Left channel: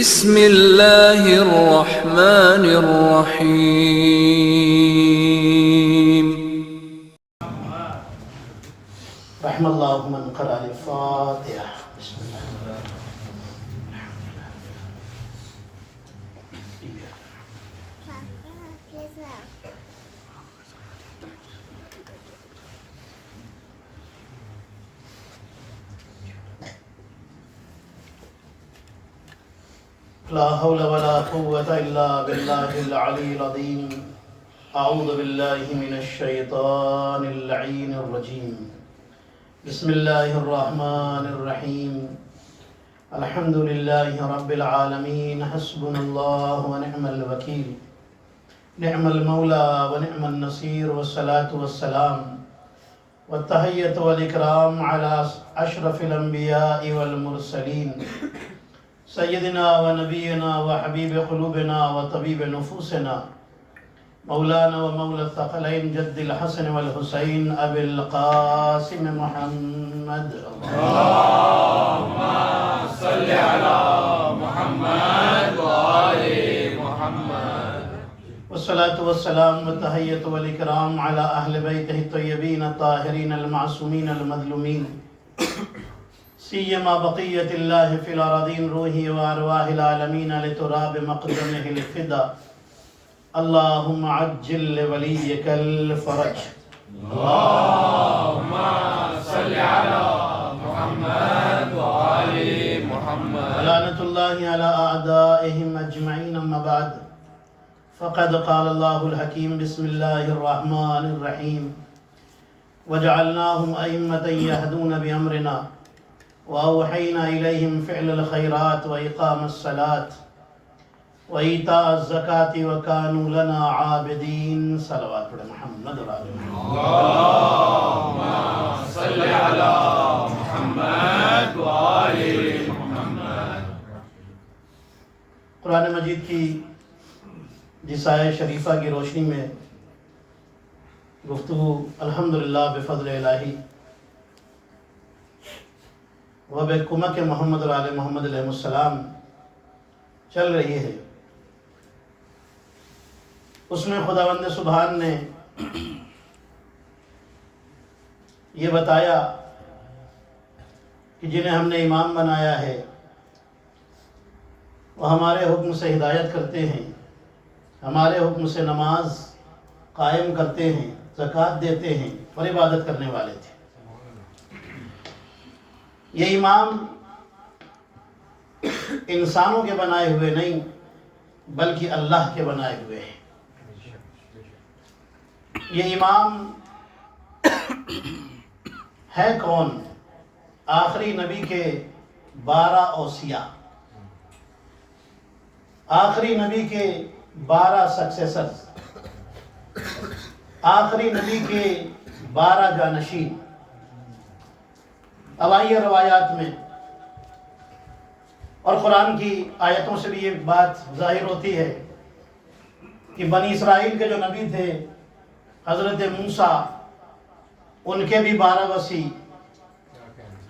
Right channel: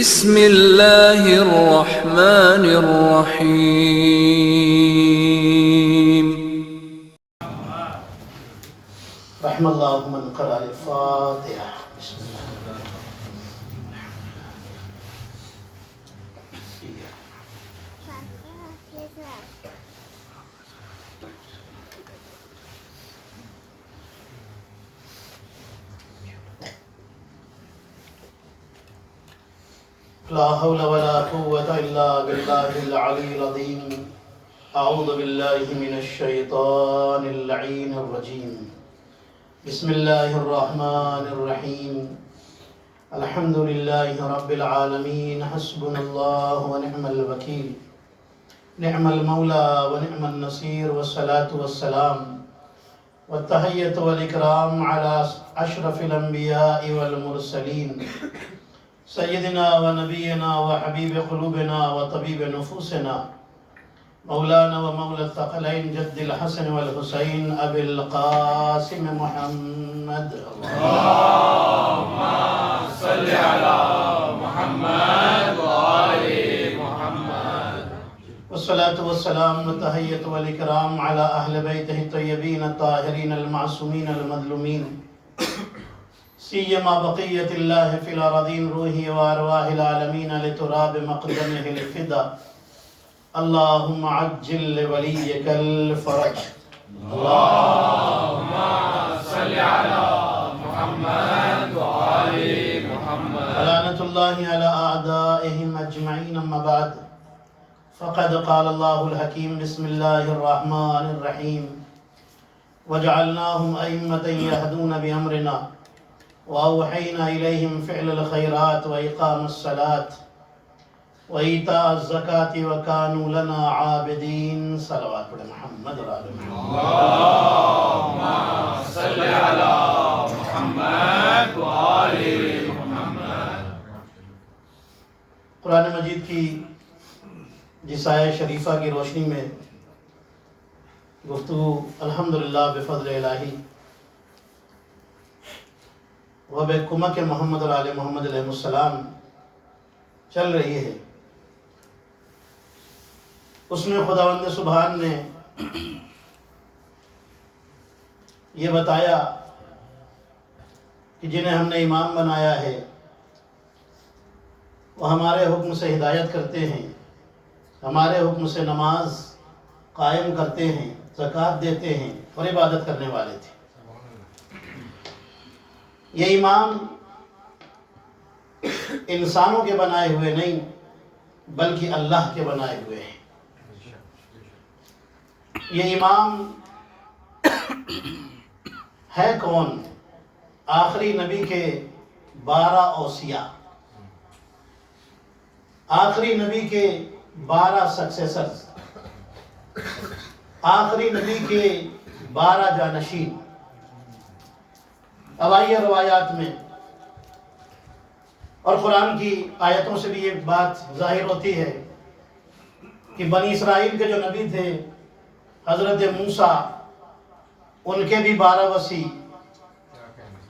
بسم اللہ الرحمن الرحیم رحم اللہ من قرأ الفاتحہ بسم اللہ لا حول ولا قوة إلا بالله العلي العظيم أعوذ بالله من الشيطان اللعين الرجيم بسم الله الرحمن الرحيم الحمد لله رب العالمين حسبنا الله ونعم الوكيل نعم المولى ونعم النصير والصلاة والسلام والتحية والإكرام على أشرف الأنبياء والمرسلين سيدنا ونبينا وحبيب قلوبنا وطبيب نفوسنا مولانا ومولى الثقلين جد الحسن والحسين أبي القاسم محمد اللهم صل على محمد وآل محمد والصلاة والسلام والتحية والإكرام على أهل بيته الطيبين الطاهرين المعصومين المظلومين سيما بقية الله في الأراضين روحه وأرواح العالمين لتراب مقدمه الفدا اللهم عجل لوليك الفرج اللهم صل على محمد وآل محمد لعنة الله على أعدائهم أجمعين أما بعد فقد قال الله الحكيم بسم الله الرحمن الرحيم وجعلناهم أئمة يهدون بأمرنا وأوحينا إليهم فعل الخيرات وإقام الصلاة وإيتاء الزكاة وكانوا لنا عابدين صلوات محمد وعلى اللهم صل على محمد وآل محمد قرآن مجید کی جس آیہ شریفہ کی روشنی میں گفتگو الحمدللہ بفضل الہی وبکمک محمد اور آل محمد علیہ السلام چل رہی ہے، اس میں خداوند سبحان نے یہ بتایا کہ جنہیں ہم نے امام بنایا ہے وہ ہمارے حکم سے ہدایت کرتے ہیں، ہمارے حکم سے نماز قائم کرتے ہیں، زکوٰۃ دیتے ہیں اور عبادت کرنے والے تھے۔ یہ امام انسانوں کے بنائے ہوئے نہیں بلکہ اللہ کے بنائے ہوئے ہیں۔ یہ امام ہے کون؟ آخری نبی کے 12 اوصیاء، آخری نبی کے 12 سکسیسرز، آخری نبی کے 12 جانشین۔ اب آئیے روایات میں اور قرآن کی آیتوں سے بھی یہ بات ظاہر ہوتی ہے کہ بنی اسرائیل کے جو نبی تھے حضرت موسیٰ، ان کے بھی 12 وصی،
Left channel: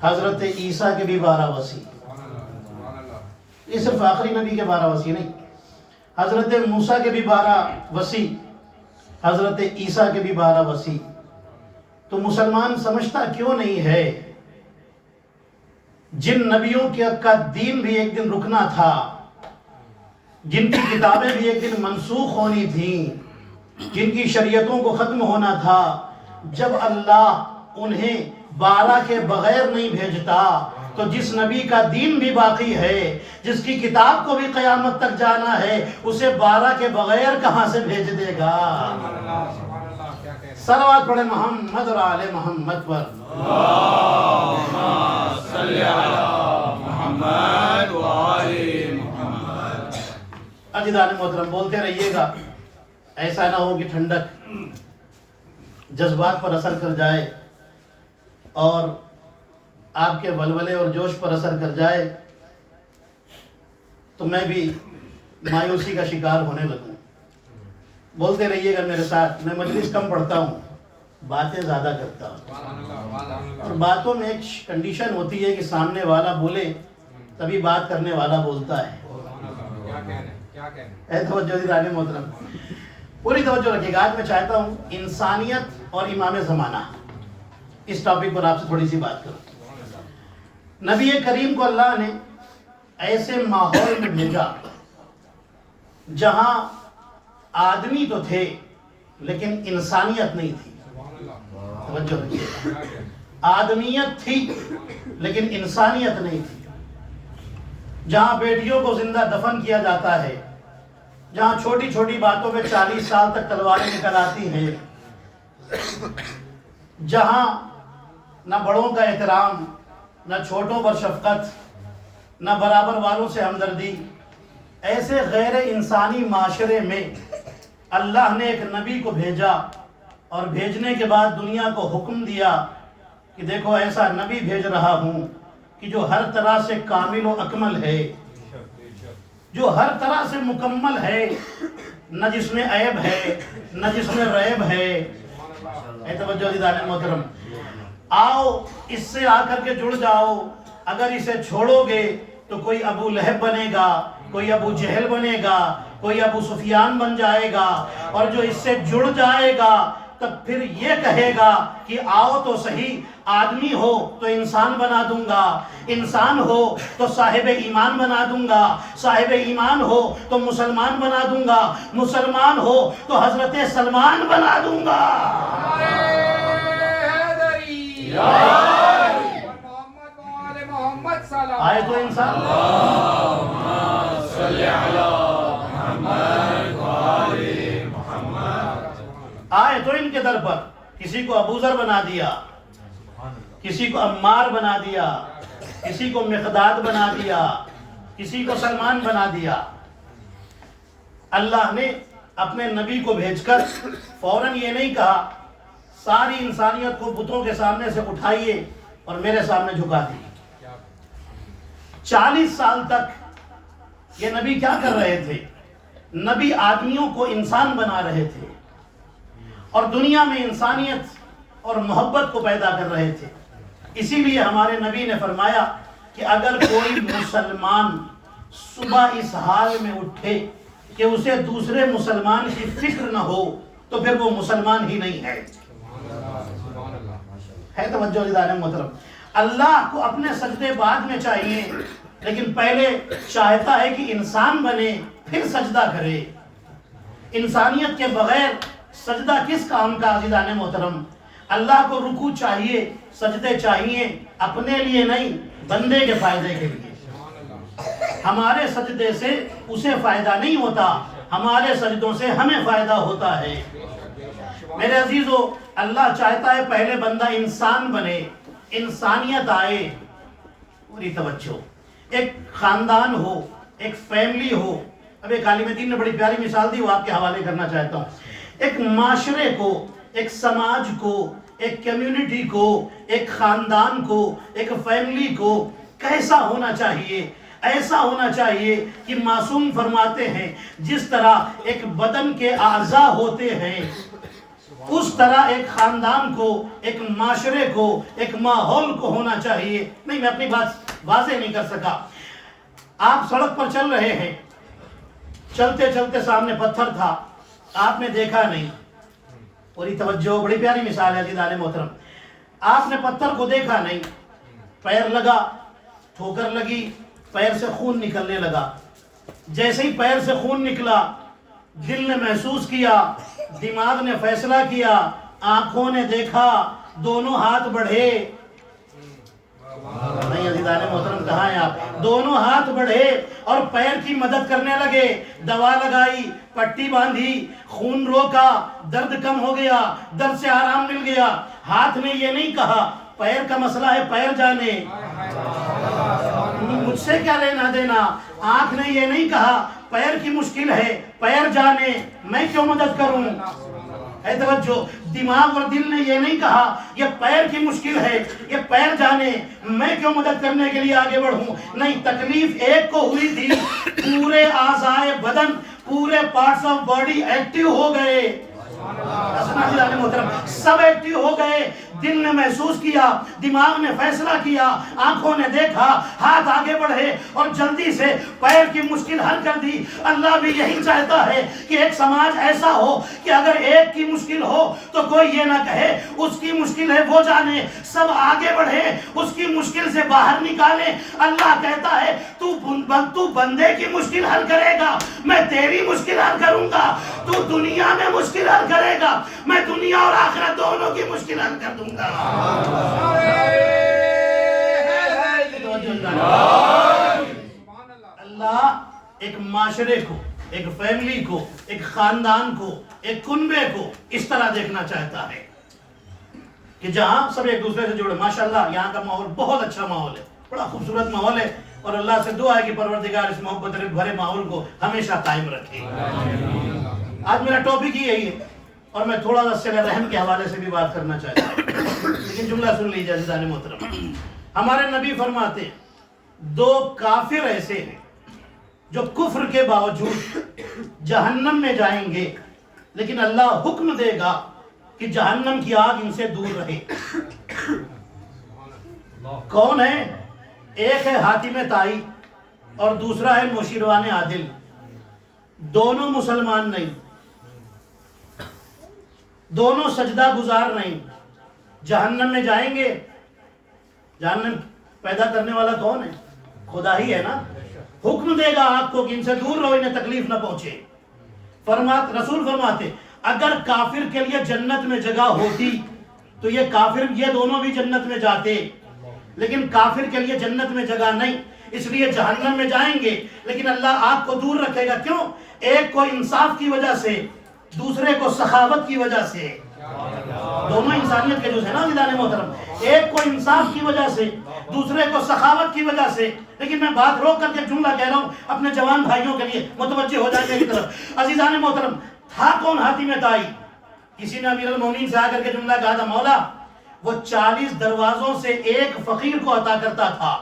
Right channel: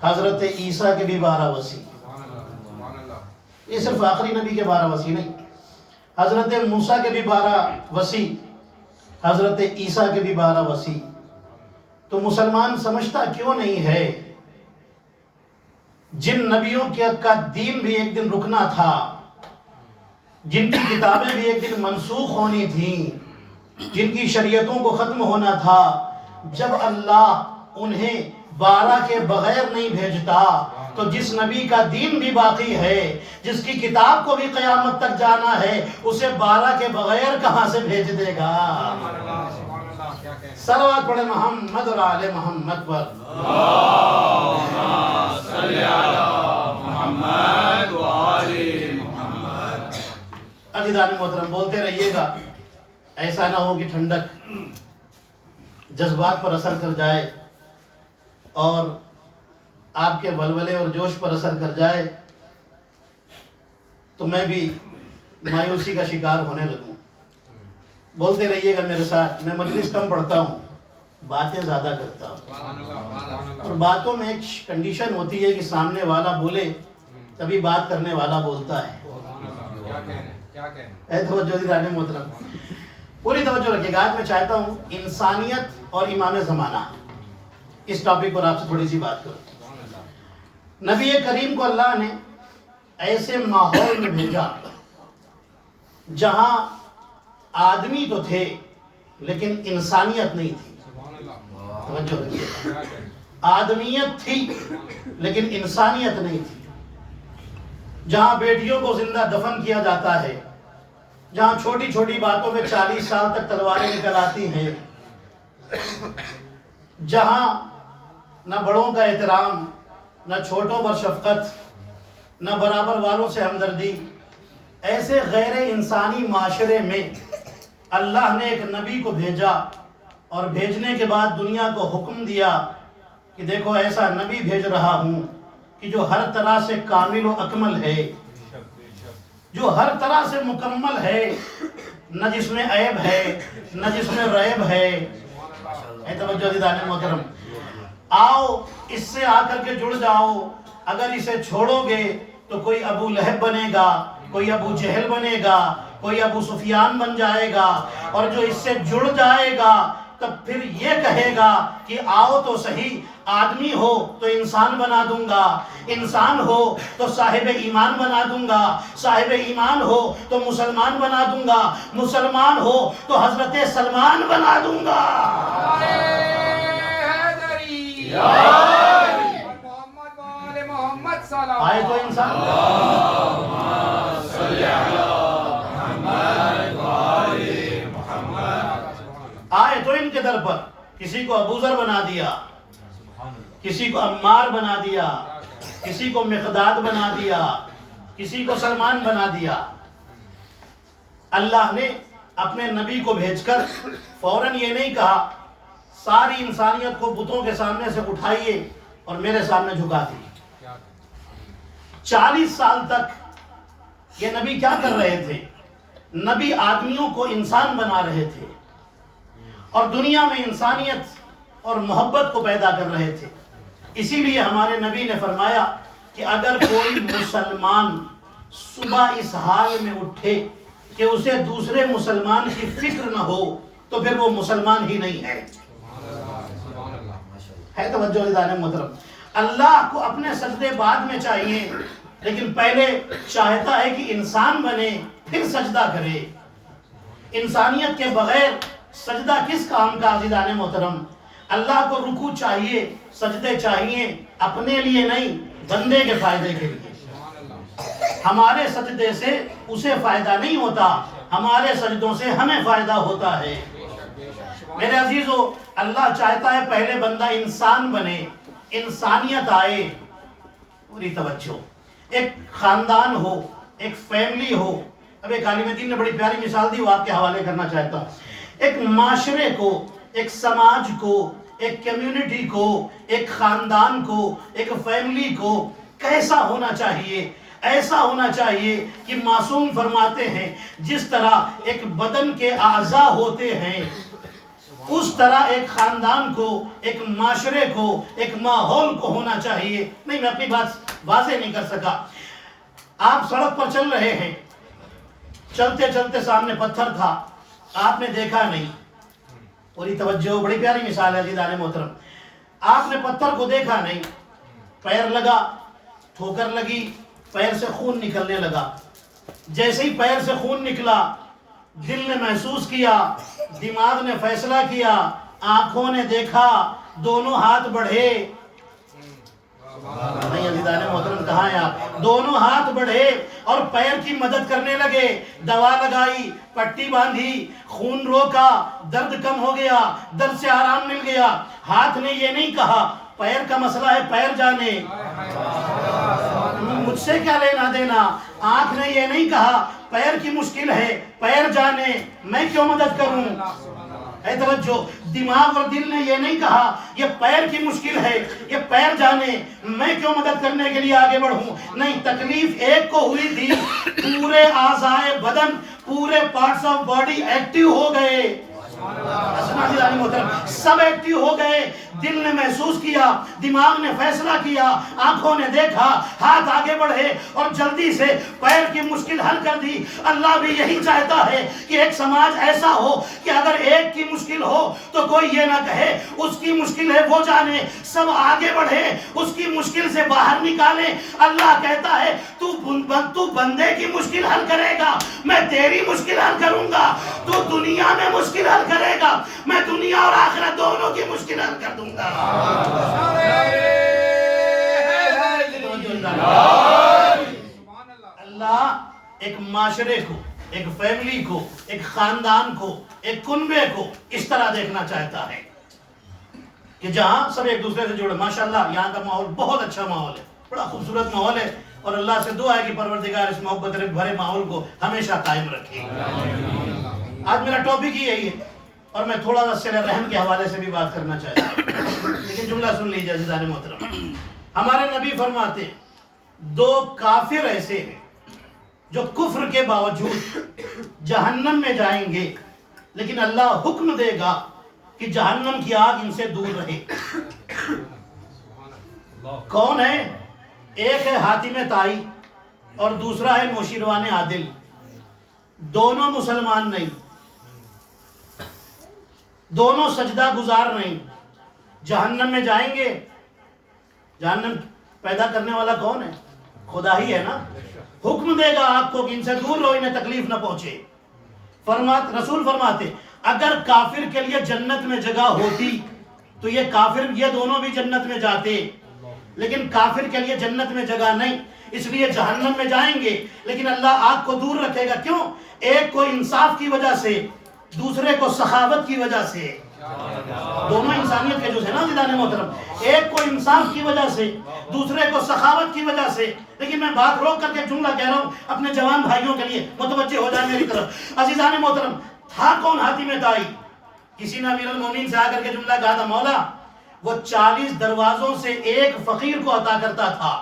حضرت عیسیٰ کے بھی 12 وصی۔ یہ صرف آخری نبی کے 12 وصی نہیں، حضرت موسیٰ کے بھی 12 وصی، حضرت عیسیٰ کے بھی 12 وصی۔ تو مسلمان سمجھتا کیوں نہیں ہے جن نبیوں کا دین بھی ایک دن رکنا تھا، جن کی کتابیں بھی ایک دن منسوخ ہونی تھیں، جن کی شریعتوں کو ختم ہونا تھا، جب اللہ انہیں 12 کے بغیر نہیں بھیجتا تو جس نبی کا دین بھی باقی ہے، جس کی کتاب کو بھی قیامت تک جانا ہے، اسے 12 کے بغیر کہاں سے بھیج دے گا؟ صلوات پڑھے محمد اور آل محمد پر۔ صلی علی محمد وآل محمد۔ عزیزان محترم، بولتے رہیے گا، ایسا نہ ہو کہ ٹھنڈک جذبات پر اثر کر جائے اور آپ کے ولولے اور جوش پر اثر کر جائے تو میں بھی مایوسی کا شکار ہونے لگوں۔ بولتے رہیے گا میرے ساتھ۔ میں مجلس کم پڑھتا ہوں، باتیں زیادہ کرتا ہوں، اور باتوں میں ایک کنڈیشن ہوتی ہے کہ سامنے والا بولے تبھی بات کرنے والا بولتا ہے۔ توجہ دیدان محترم، پوری توجہ رکھیے گا. آج میں چاہتا ہوں انسانیت اور امام زمانہ اس ٹاپک پر آپ سے تھوڑی سی بات کروں. نبی کریم کو اللہ نے ایسے ماحول میں بھیجا جہاں آدمی تو تھے لیکن انسانیت نہیں تھی. توجہ رکھیے، آدمیت تھی لیکن انسانیت نہیں تھی. جہاں بیٹیوں کو زندہ دفن کیا جاتا ہے، جہاں چھوٹی چھوٹی باتوں پہ 40 سال تک تلواریں نکل آتی ہیں، جہاں نہ بڑوں کا احترام، نہ چھوٹوں پر شفقت، نہ برابر والوں سے ہمدردی، ایسے غیر انسانی معاشرے میں اللہ نے ایک نبی کو بھیجا اور بھیجنے کے بعد دنیا کو حکم دیا کہ دیکھو ایسا نبی بھیج رہا ہوں کہ جو ہر طرح سے کامل و اکمل ہے، جو ہر طرح سے مکمل ہے، نہ جس میں عیب ہے نہ جس میں ریب ہے. اے توجہ دیدان محترم، آؤ اس سے آ کر کے جڑ جاؤ. اگر اسے چھوڑو گے تو کوئی ابو لہب بنے گا، کوئی ابو جہل بنے گا، کوئی ابو سفیان بن جائے گا، اور جو اس سے جڑ جائے گا تب پھر یہ کہے گا کہ آؤ تو صحیح، آدمی ہو تو انسان بنا دوں گا، انسان ہو تو صاحب ایمان بنا دوں گا، صاحب ایمان ہو تو مسلمان بنا دوں گا، مسلمان ہو تو حضرت سلمان بنا دوں گا. آئے تو انسان آئے تو ان کے در پر کسی کو ابو ذر بنا دیا، کسی کو عمار بنا دیا، کسی کو مقداد بنا دیا، کسی کو سلمان بنا دیا. اللہ نے اپنے نبی کو بھیج کر فوراً یہ نہیں کہا ساری انسانیت کو بتوں کے سامنے سے اٹھائیے اور میرے سامنے جھکا دیجیے. 40 سال تک یہ نبی کیا کر رہے تھے؟ نبی آدمیوں کو انسان بنا رہے تھے اور دنیا میں انسانیت اور محبت کو پیدا کر رہے تھے. اسی لیے ہمارے نبی نے فرمایا کہ اگر کوئی مسلمان صبح اس حال میں اٹھے کہ اسے دوسرے مسلمان کی فکر نہ ہو تو پھر وہ مسلمان ہی نہیں ہے. ہے توجہ دیدان محترم، اللہ کو اپنے سجدے بعد میں چاہیے لیکن پہلے چاہتا ہے کہ انسان بنے پھر سجدہ کرے. انسانیت کے بغیر سجدہ کس کام کا عزیزان محترم؟ اللہ کو رکوع چاہیے، سجدے چاہیے، اپنے لیے نہیں بندے کے فائدے کے لیے. ہمارے سجدے سے اسے فائدہ نہیں ہوتا، ہمارے سجدوں سے ہمیں فائدہ ہوتا ہے. میرے عزیزو، اللہ چاہتا ہے پہلے بندہ انسان بنے، انسانیت آئے. پوری توجہ، ایک خاندان ہو، ایک فیملی ہو. اب ایک عالم دین نے بڑی پیاری مثال دی، وہ آپ کے حوالے کرنا چاہتا ہوں. ایک معاشرے کو، ایک سماج کو، ایک کمیونٹی کو، ایک خاندان کو، ایک فیملی کو کیسا ہونا چاہیے؟ ایسا ہونا چاہیے کہ معصوم فرماتے ہیں جس طرح ایک بدن کے اعضاء ہوتے ہیں اس طرح ایک خاندان کو، ایک معاشرے کو، ایک ماحول کو ہونا چاہیے. نہیں، میں اپنی بات واضح نہیں کر سکا. آپ سڑک پر چل رہے ہیں، چلتے چلتے سامنے پتھر تھا، آپ نے دیکھا نہیں. پوری توجہ، بڑی پیاری مثال ہے عزیزان محترم. آپ نے پتھر کو دیکھا نہیں، پیر لگا، ٹھوکر لگی، پیر سے خون نکلنے لگا. جیسے ہی پیر سے خون نکلا، دل نے محسوس کیا، دماغ نے فیصلہ کیا، آنکھوں نے دیکھا، دونوں ہاتھ بڑھے. نہیں عزیزان محترم، کہاں ہیں آپ؟ دونوں ہاتھ بڑھے اور پیر کی مدد کرنے لگے. دوا لگائی، پٹی باندھی، خون روکا، درد کم ہو گیا، درد سے آرام مل گیا. ہاتھ نے یہ نہیں کہا پیر کا مسئلہ ہے پیر جانے، مجھ سے کیا لینا دینا. آنکھ نے یہ نہیں کہا پیر کی مشکل ہے پیر جانے، میں کیوں مدد کروں. اے توجہ، دماغ اور دل نے یہ نہیں کہا یہ پیر کی مشکل ہے، یہ پیر جانے، میں کیوں مدد کرنے کے لیے آگے بڑھوں. نہیں، تکلیف ایک کو ہوئی تھی، پورے اعضائے بدن، پورے پارٹس آف باڈی ایکٹیو ہو گئے. سب ایکٹیو ہو گئے، دل نے محسوس کیا، دماغ نے فیصلہ کیا، آنکھوں نے دیکھا، ہاتھ آگے بڑھے اور جلدی سے پیر کی مشکل حل کر دی۔ اللہ بھی یہی چاہتا ہے کہ ایک سماج ایسا ہو کہ اگر ایک کی مشکل ہو تو کوئی یہ نہ کہے اس کی مشکل ہے وہ جانے، سب آگے بڑھے، اس کی مشکل سے باہر نکالے۔ اللہ کہتا ہے تو بندے کی مشکل حل کرے گا، میں تیری مشکل حل کروں گا۔ تو دنیا میں مشکل حل کرے گا، میں دنیا اور آخرت دونوں کی مشکل حل کر دوں گا۔ اللہ ایک معاشرے کو، ایک فیملی کو، ایک خاندان کو، ایک کنبے کو اس طرح دیکھنا چاہتا ہے کہ جہاں سب ایک دوسرے سے جڑے۔ ماشاءاللہ یہاں کا ماحول بہت اچھا ماحول ہے، بڑا خوبصورت ماحول ہے، اور اللہ سے دعا ہے کہ پروردگار اس محبت بھرے ماحول کو ہمیشہ قائم رکھے۔ آج میرا ٹاپک ہی یہی ہے، اور میں تھوڑا سا صلہ رحم کے حوالے سے بھی بات کرنا چاہتا ہوں، لیکن جملہ سن لیجیے عزیزان محترم۔ ہمارے نبی فرماتے ہیں دو کافر ایسے ہیں جو کفر کے باوجود جہنم میں جائیں گے، لیکن اللہ حکم دے گا کہ جہنم کی آگ ان سے دور رہے۔ کون ہے؟ ایک ہے حاتم طائی اور دوسرا ہے نوشیروان عادل۔ دونوں مسلمان نہیں، دونوں سجدہ گزار نہیں، جہنم میں جائیں گے۔ جہنم پیدا کرنے والا کون ہے؟ خدا ہی ہے نا۔ حکم دے گا آگ کو کہ ان سے دور رہو، انہیں تکلیف نہ پہنچے۔ رسول فرماتے اگر کافر کے لیے جنت میں جگہ ہوتی تو یہ دونوں بھی جنت میں جاتے، لیکن کافر کے لیے جنت میں جگہ نہیں، اس لیے جہنم میں جائیں گے، لیکن اللہ آگ کو دور رکھے گا۔ کیوں؟ ایک کو انصاف کی وجہ سے، دوسرے کو سخاوت کی وجہ سے۔ دونوں انسانیت کے جز ہیں نا عزیزان محترم، ایک کو انصاف کی وجہ سے، دوسرے کو سخاوت کی وجہ سے۔ لیکن میں بات روک کر کے جملہ کہہ رہا ہوں اپنے جوان بھائیوں کے لیے، متوجہ ہو جائیں میری طرف۔ عزیزان محترم، تھا کون حاتم طائی؟ کسی نے امیر المومنین سے آ کر کے جملہ کہا تھا، مولا وہ 40 دروازوں سے ایک فقیر کو عطا کرتا تھا،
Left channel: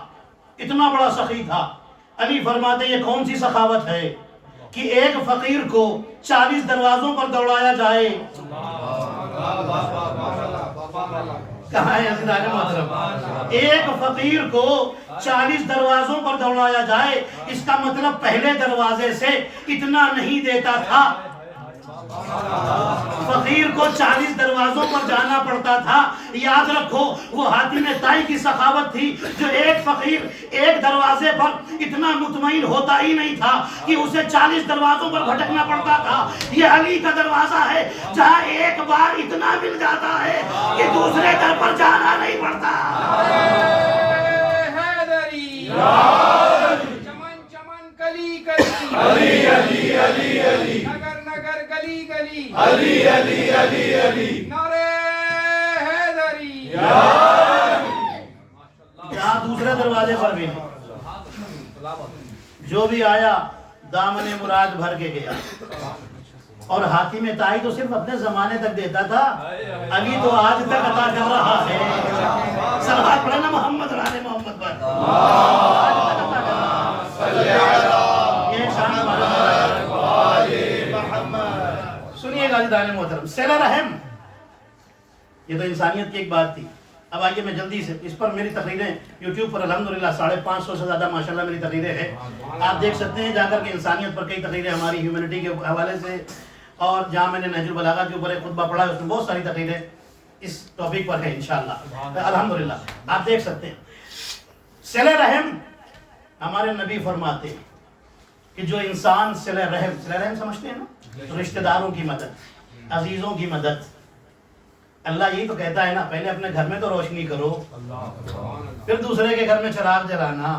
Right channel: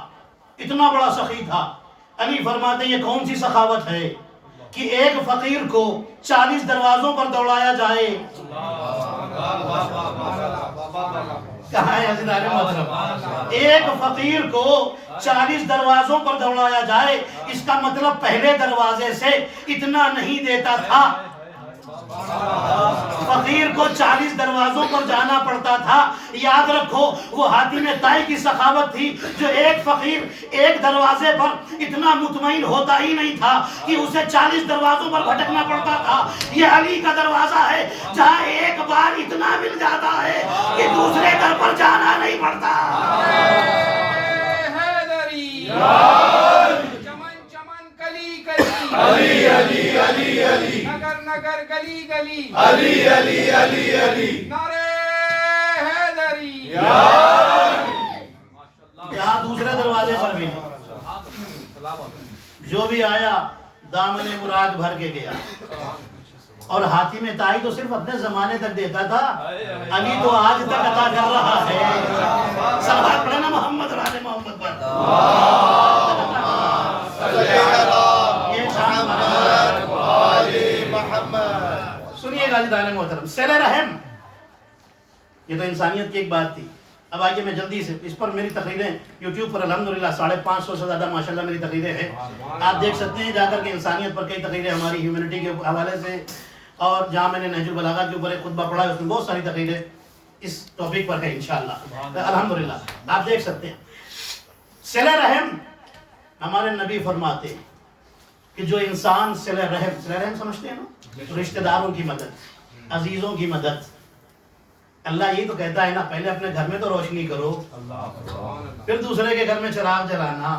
اتنا بڑا سخی تھا۔ علی فرماتے یہ کون سی سخاوت ہے کہ ایک فقیر کو 40 دروازوں پر دوڑایا جائے؟ کہاں ہے عزیزان محترم؟ ایک فقیر کو 40 دروازوں پر دوڑایا جائے، اس کا مطلب پہلے دروازے سے اتنا نہیں دیتا تھا۔ فقیر کو 40 دروازوں پر جانا پڑتا تھا۔ یاد رکھو وہ حاتم طائی کی سخاوت تھی جو ایک فقیر ایک دروازے پر اتنا مطمئن ہوتا ہی نہیں تھا کہ اسے 40 دروازوں پر بھٹکنا پڑتا تھا۔ یہ علی کا دروازہ ہے جہاں ایک بار اتنا مل جاتا ہے کہ دوسرے در پر جانا نہیں پڑتا۔ علی علی علی علی، نگر نگر گلی گلی، علی علی علی علی، نعرہ حیدری، یہاں دوسرے دروازے پر بھی نہیں، جو بھی آیا دامن مراد بھر کے گیا۔ اور حاتم طائی تو صرف اپنے زمانے تک دیتا تھا، علی تو آج تک عطا کر رہا ہے۔ صلوات پڑھنا محمد اور آل محمد پر۔ سنیے گا عزیزان محترم، صلہ رحم، یہ تو انسانیت کی ایک بات تھی۔ اب آئیے میں جلدی سے اس پر میری تقریریں یوٹیوب پر الحمدللہ 550 سے زیادہ ماشاءاللہ میری تقریریں ہیں، آپ دیکھ سکتے ہیں جا کر کے انسانیت پر کئی تقریریں ہماری ہیومینٹی کے حوالے سے، اور جہاں میں نے نہج البلاغہ کے اوپر ایک خطبہ پڑھا ہے اس میں بہت ساری تقریریں اس ٹاپک پر ہے انشاءاللہ الحمدللہ، آپ دیکھ سکتے ہیں۔ صلہ رحم، ہمارے نبی فرماتے ہیں کہ جو انسان صلہ رحم سمجھتے ہیں نا، رشتہ داروں کی مدد، عزیزوں کی مدد۔ اللہ یہ تو کہتا ہے نا پہلے اپنے گھر میں تو روشنی کرو، پھر دوسرے کے گھر میں چراغ جلانا۔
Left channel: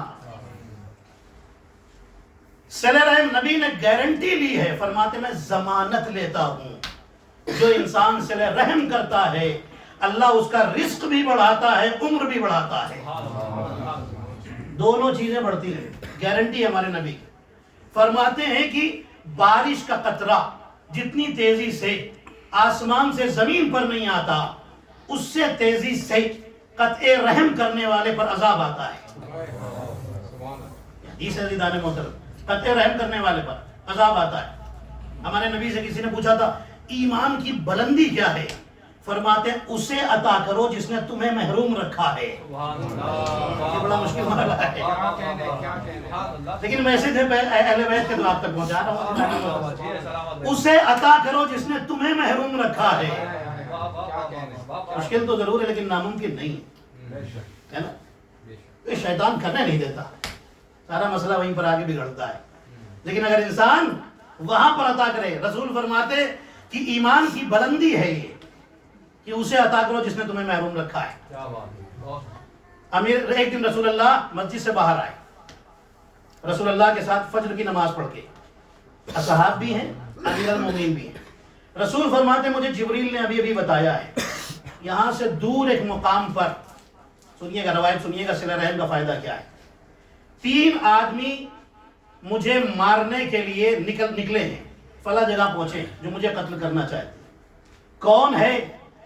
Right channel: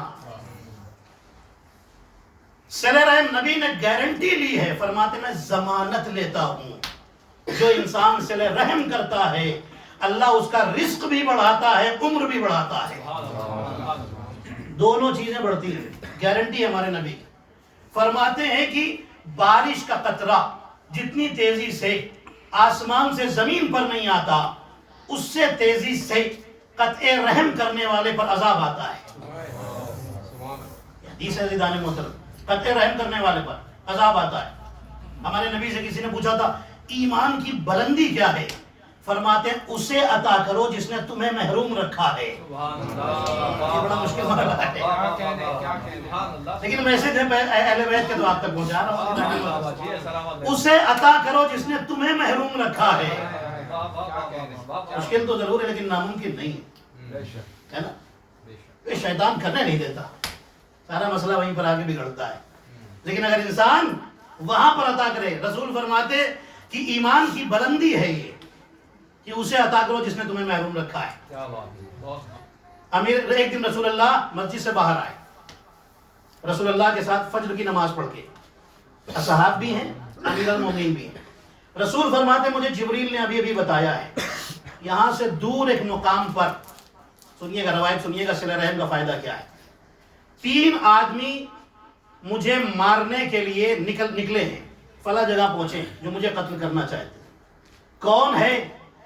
صلہ رحم نبی نے گارنٹی لی ہے، فرماتے میں ضمانت لیتا ہوں جو انسان صلہ رحم کرتا ہے اللہ اس کا رزق بھی بڑھاتا ہے، عمر بھی بڑھاتا ہے، دونوں چیزیں بڑھتی ہیں۔ گارنٹی ہمارے نبی کی، فرماتے ہیں کہ بارش کا قطرہ جتنی تیزی سے آسمان سے زمین پر نہیں آتا، اس سے تیزی سے قطع رحم کرنے والے پر عذاب آتا ہے۔ حدیث ہے عزیزان محترم، قطع رحم کرنے والے پر عذاب آتا ہے۔ ہمارے نبی سے کسی نے پوچھا تھا ایمان کی بلندی کیا ہے؟ فرماتے ہیں اسے عطا کرو جس نے تمہیں محروم رکھا ہے۔ یہ بڑا مشکل مرحلہ ہے، کیا کہنے لیکن میسج ہے اہل بیت کے تو آپ تک پہنچا رہا ہوں۔ اسے عطا کرو جس نے تمہیں محروم رکھا ہے۔ کیا کہنے مشکل تو ضرور ہے لیکن ناممکن نہیں ہے نا؟ یہ شیطان کرنے نہیں دیتا، سارا مسئلہ وہیں پر آگے بگڑتا ہے۔ لیکن اگر انسان وہاں پر عطا کرے، رسول فرماتے کہ ایمان کی بلندی ہے یہ کہ اسے عطا کرو جس نے تمہیں محروم رکھا ہے۔ امیر ایک دن رسول اللہ مسجد سے باہر آئے، رسول اللہ کے ساتھ فجر کی نماز پڑھ کے، اصحاب بھی ہیں، امیر المومنین بھی ہیں۔ رسول فرماتے مجھے جبریل نے ابھی ابھی بتایا ہے یہاں سے دور ایک مقام پر، سنیے گا روایت، سنیے گا صلہ رحم کا فائدہ کیا ہے۔ 3 آدمی مجھے مارنے کے لیے نکلے ہیں، فلاں جگہ پہنچے جو مجھے قتل کرنا چاہتے ہیں۔ کون ہے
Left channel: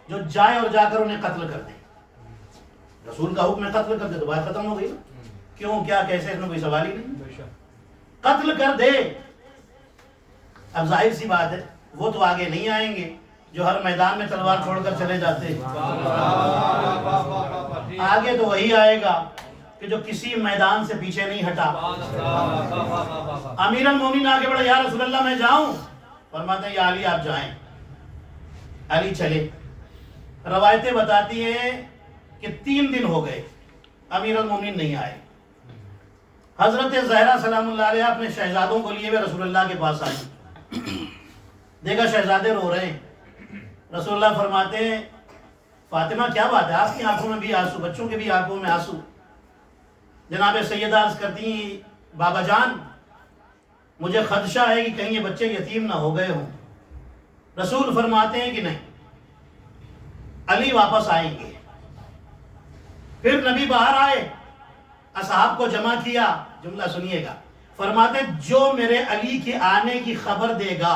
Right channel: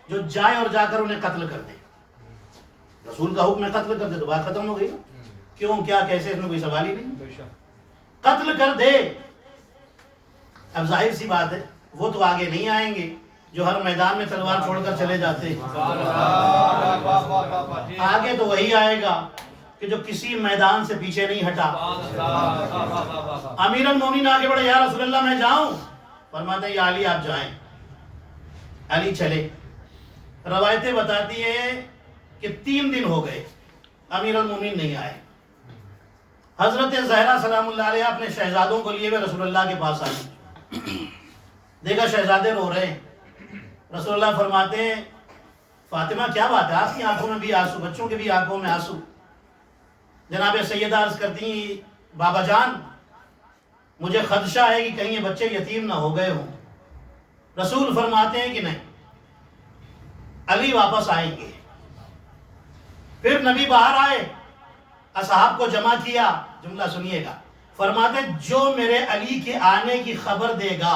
جو جائے اور جا کر انہیں قتل کر دے؟ رسول کا حکم ہے قتل کر دے تو بات ختم ہو گئی نا۔ کیوں، کیا، کیسے، اس میں کوئی سوال ہی نہیں، قتل کر دے۔ اب ظاہر سی بات ہے وہ تو آگے نہیں آئیں گے جو ہر میدان میں تلوار چھوڑ کر چلے جاتے ہیں، آگے تو وہی آئے گا کہ جو کسی میدان سے پیچھے نہیں ہٹا۔ امیر المومنین آگے بڑھے، یا رسول اللہ میں جاؤں؟ فرماتے ہیں یا علی آپ جائیں۔ علی چلے۔ روایتیں بتاتی ہیں کہ 3 دن ہو گئے امیر المومنین نہیں آئے۔ حضرت زہرا سلام اللہ علیہ اپنے شہزادوں کو لیے ہوئے رسول اللہ کے پاس آئے، دیکھا شہزادے رو رہے ہیں۔ رسول اللہ فرماتے ہیں فاطمہ کیا بات ہے، آپ کی آنکھوں میں بھی آنسو، بچوں کے بھی آنکھوں میں آنسو۔ جناب سیدہ عرض کرتی ہیں بابا جان مجھے خدشہ ہے کہ کہیں یہ بچے یتیم نہ ہو گئے ہوں۔ رسول فرماتے ہیں کہ نہیں، علی واپس آئیں گے۔ پھر نبی باہر آئے، اصحاب کو جمع کیا، جملہ سنیے گا، فرماتے جو میرے علی کے آنے کی خبر دے گا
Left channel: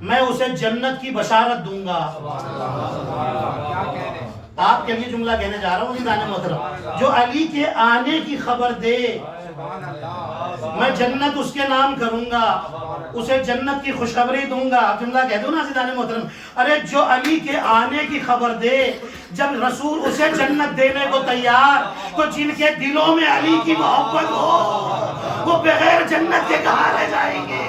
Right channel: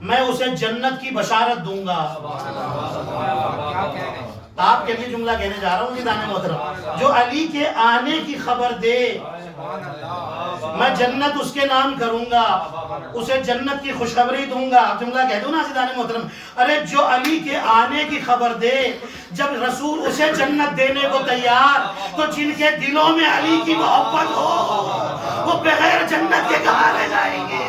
میں اسے جنت کی بشارت دوں گا۔ آپ کے لیے جملہ کہنے جا رہا ہوں میدان محترم، جو علی کے آنے کی خبر دے میں جنت اس کے نام کروں گا، اسے جنت کی خوشخبری دوں گا۔ جملہ کہہ دوں نا میدان محترم، ارے جو علی کے آنے کی خبر دے، جب رسول اسے جنت دینے کو تیار، تو جن کے دلوں میں علی کی محبت ہو وہ بغیر جنت کے کہاں رہ جائیں گے؟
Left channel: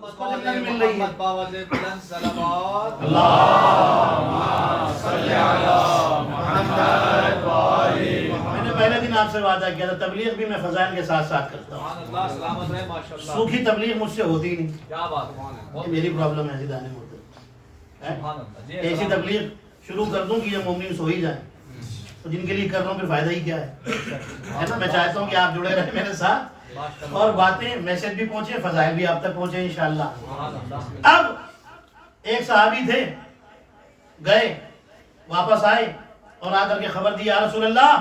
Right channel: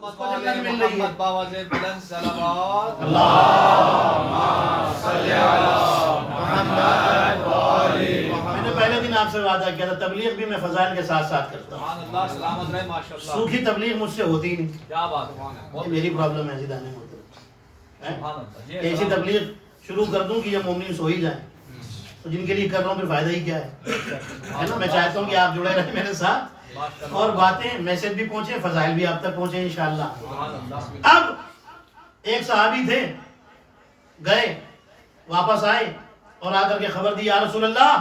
اس کو جنت مل رہی ہے۔ میں نے پہلے دن آپ سے وعدہ کیا تھا تبلیغ بھی میں فضائل کے ساتھ ساتھ کرتا ہوں، سوکھی تبلیغ مجھ سے ہوتی ہی نہیں، یہ میری پرابلم ہے زیدہ نہیں ہوتی۔ ایسی تبلیغ شروع کر دوں کہ یہ مومن سو ہی جائیں، تو جن کے لیے کر رہا ہوں پھر فائدہ ہی کیا ہے نا؟ میں چاہتا ہوں کہ آپ جڑے رہیں میرے ساتھ اور باتیں میسج بھی پہنچے، فضائل بھی آپ تک پہنچے انشاءاللہ۔ اب ایک صحابی تھے، گئے واپس آئے اور آ کر کے خبر دی یا رسول اللہ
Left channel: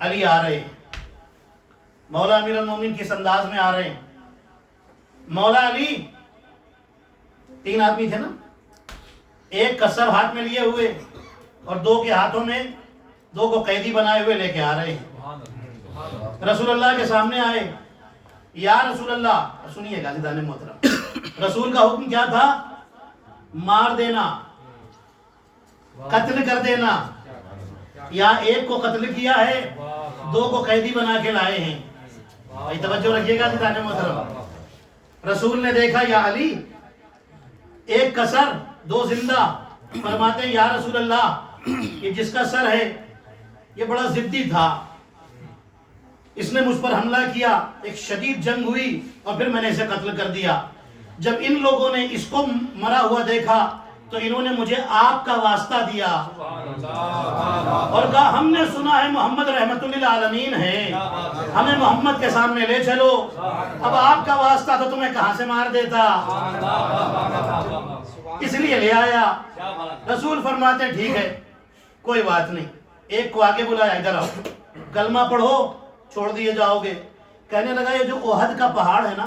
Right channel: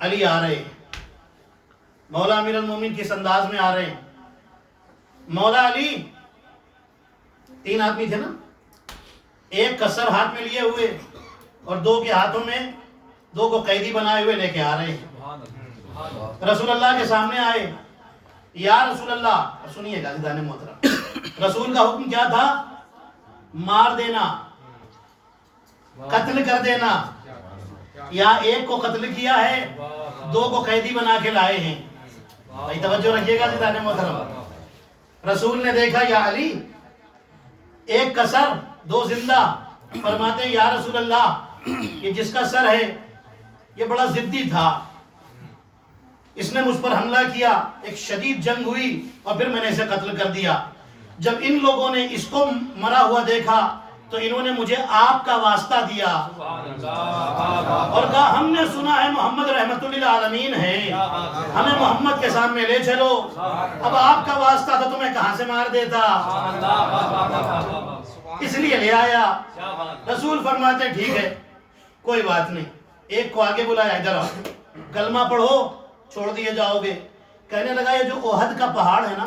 علی آ رہے ہیں، مولا امیر المومنین کس انداز میں آ رہے ہیں؟ مولا علی 3 آدمی تھے نا، ایک کسر ہاتھ میں لیے ہوئے اور 2 کے ہاتھوں میں 2 کو قیدی بنائے ہوئے لے کے آ رہے ہیں۔ رسول اللہ کے سامنے آئے، یا رسول اللہ، سنیے گا زیدان محترم، رسول کا حکم کیا تھا؟ مار دینا، قتل کر دینا۔ یہاں ایک کو قتل کیا ہے، 2 کو قیدی بنا کے لائے ہیں۔ بھائی توجہ رکھیے گا زیدان محترم، رسول نے دیکھا یا علی ایک کا سر 2 زندہ، فرماتے ہیں یا رسول اللہ یہ جس کا سر ہے یہ بڑا ضدی تھا، اس نے مجھ پر حملہ کیا، ایک شدید جنگ ہوئی اور پھر میں نے اسے قتل کر دیا۔ جب ان لوگوں نے اس کو مرا ہوا دیکھا تو انہوں نے مجھے آپ کا واسطہ دیا اور کہا ہم نے سنا ہے محمد رحمت للعالمین ہے، ہمیں محمد کے سامنے لے چلو۔ اب آپ کا واسطہ تو تمہیں کہاں سے مار دیتا، اس لیے لے آیا۔ رسول فرماتے ہیں ٹھیک ہے کوئی بات نہیں، ایک کو آگے بلایا، ادھر آؤ، کلمہ پڑھو چھوڑ دیے جاؤ گے۔ کہنے لگا یہ جو احد کا پہاڑ ہے نا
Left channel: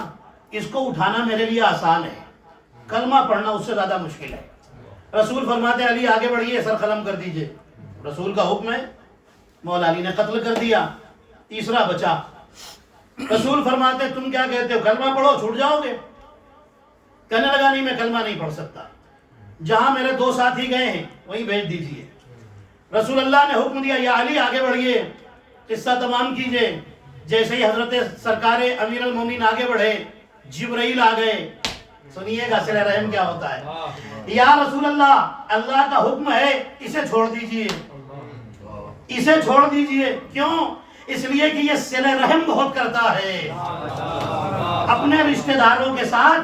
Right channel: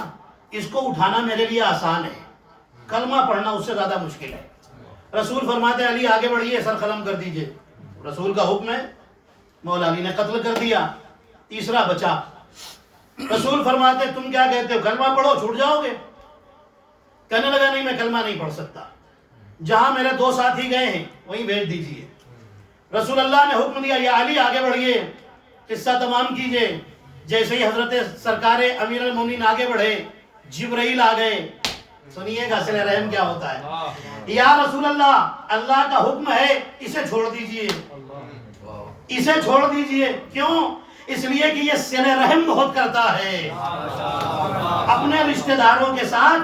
اس کو اٹھانا میرے لیے آسان ہے، کلمہ پڑھنا اس سے زیادہ مشکل ہے۔ رسول فرماتے ہیں علی آگے بڑھیے، سر قلم کر دیجئے۔ رسول کا حکم ہے، مولا علی نے قتل کر دیا، تیسرا بچا۔ رسول فرماتے تم کیا کہتے ہو کلمہ پڑھو چھوٹ جاؤ گے؟ کہنے لگا نہیں میں کلمہ نہیں پڑھ سکتا، جہاں میرے 2 ساتھی گئے ہیں وہیں بھیج دیجئے۔ رسول اللہ نے حکم دیا یا علی آگے بڑھئے، قصہ تمام کیجئے۔ جیسے ہی حضرت سرکار امیر المومنین آگے بڑھے، جبرائیل آ گئے۔ سنیے گا صلہ رحم کیا ہوتا ہے۔ یا رسول اللہ، اللہ کا حکم ہے اسے چھوڑ دیجئے، اسے چھوڑ دیجئے۔ کیوں؟ اس لیے کہ یہ صلہ رحم بہت کرتا ہے، اپنے رشتہ داروں کے ساتھ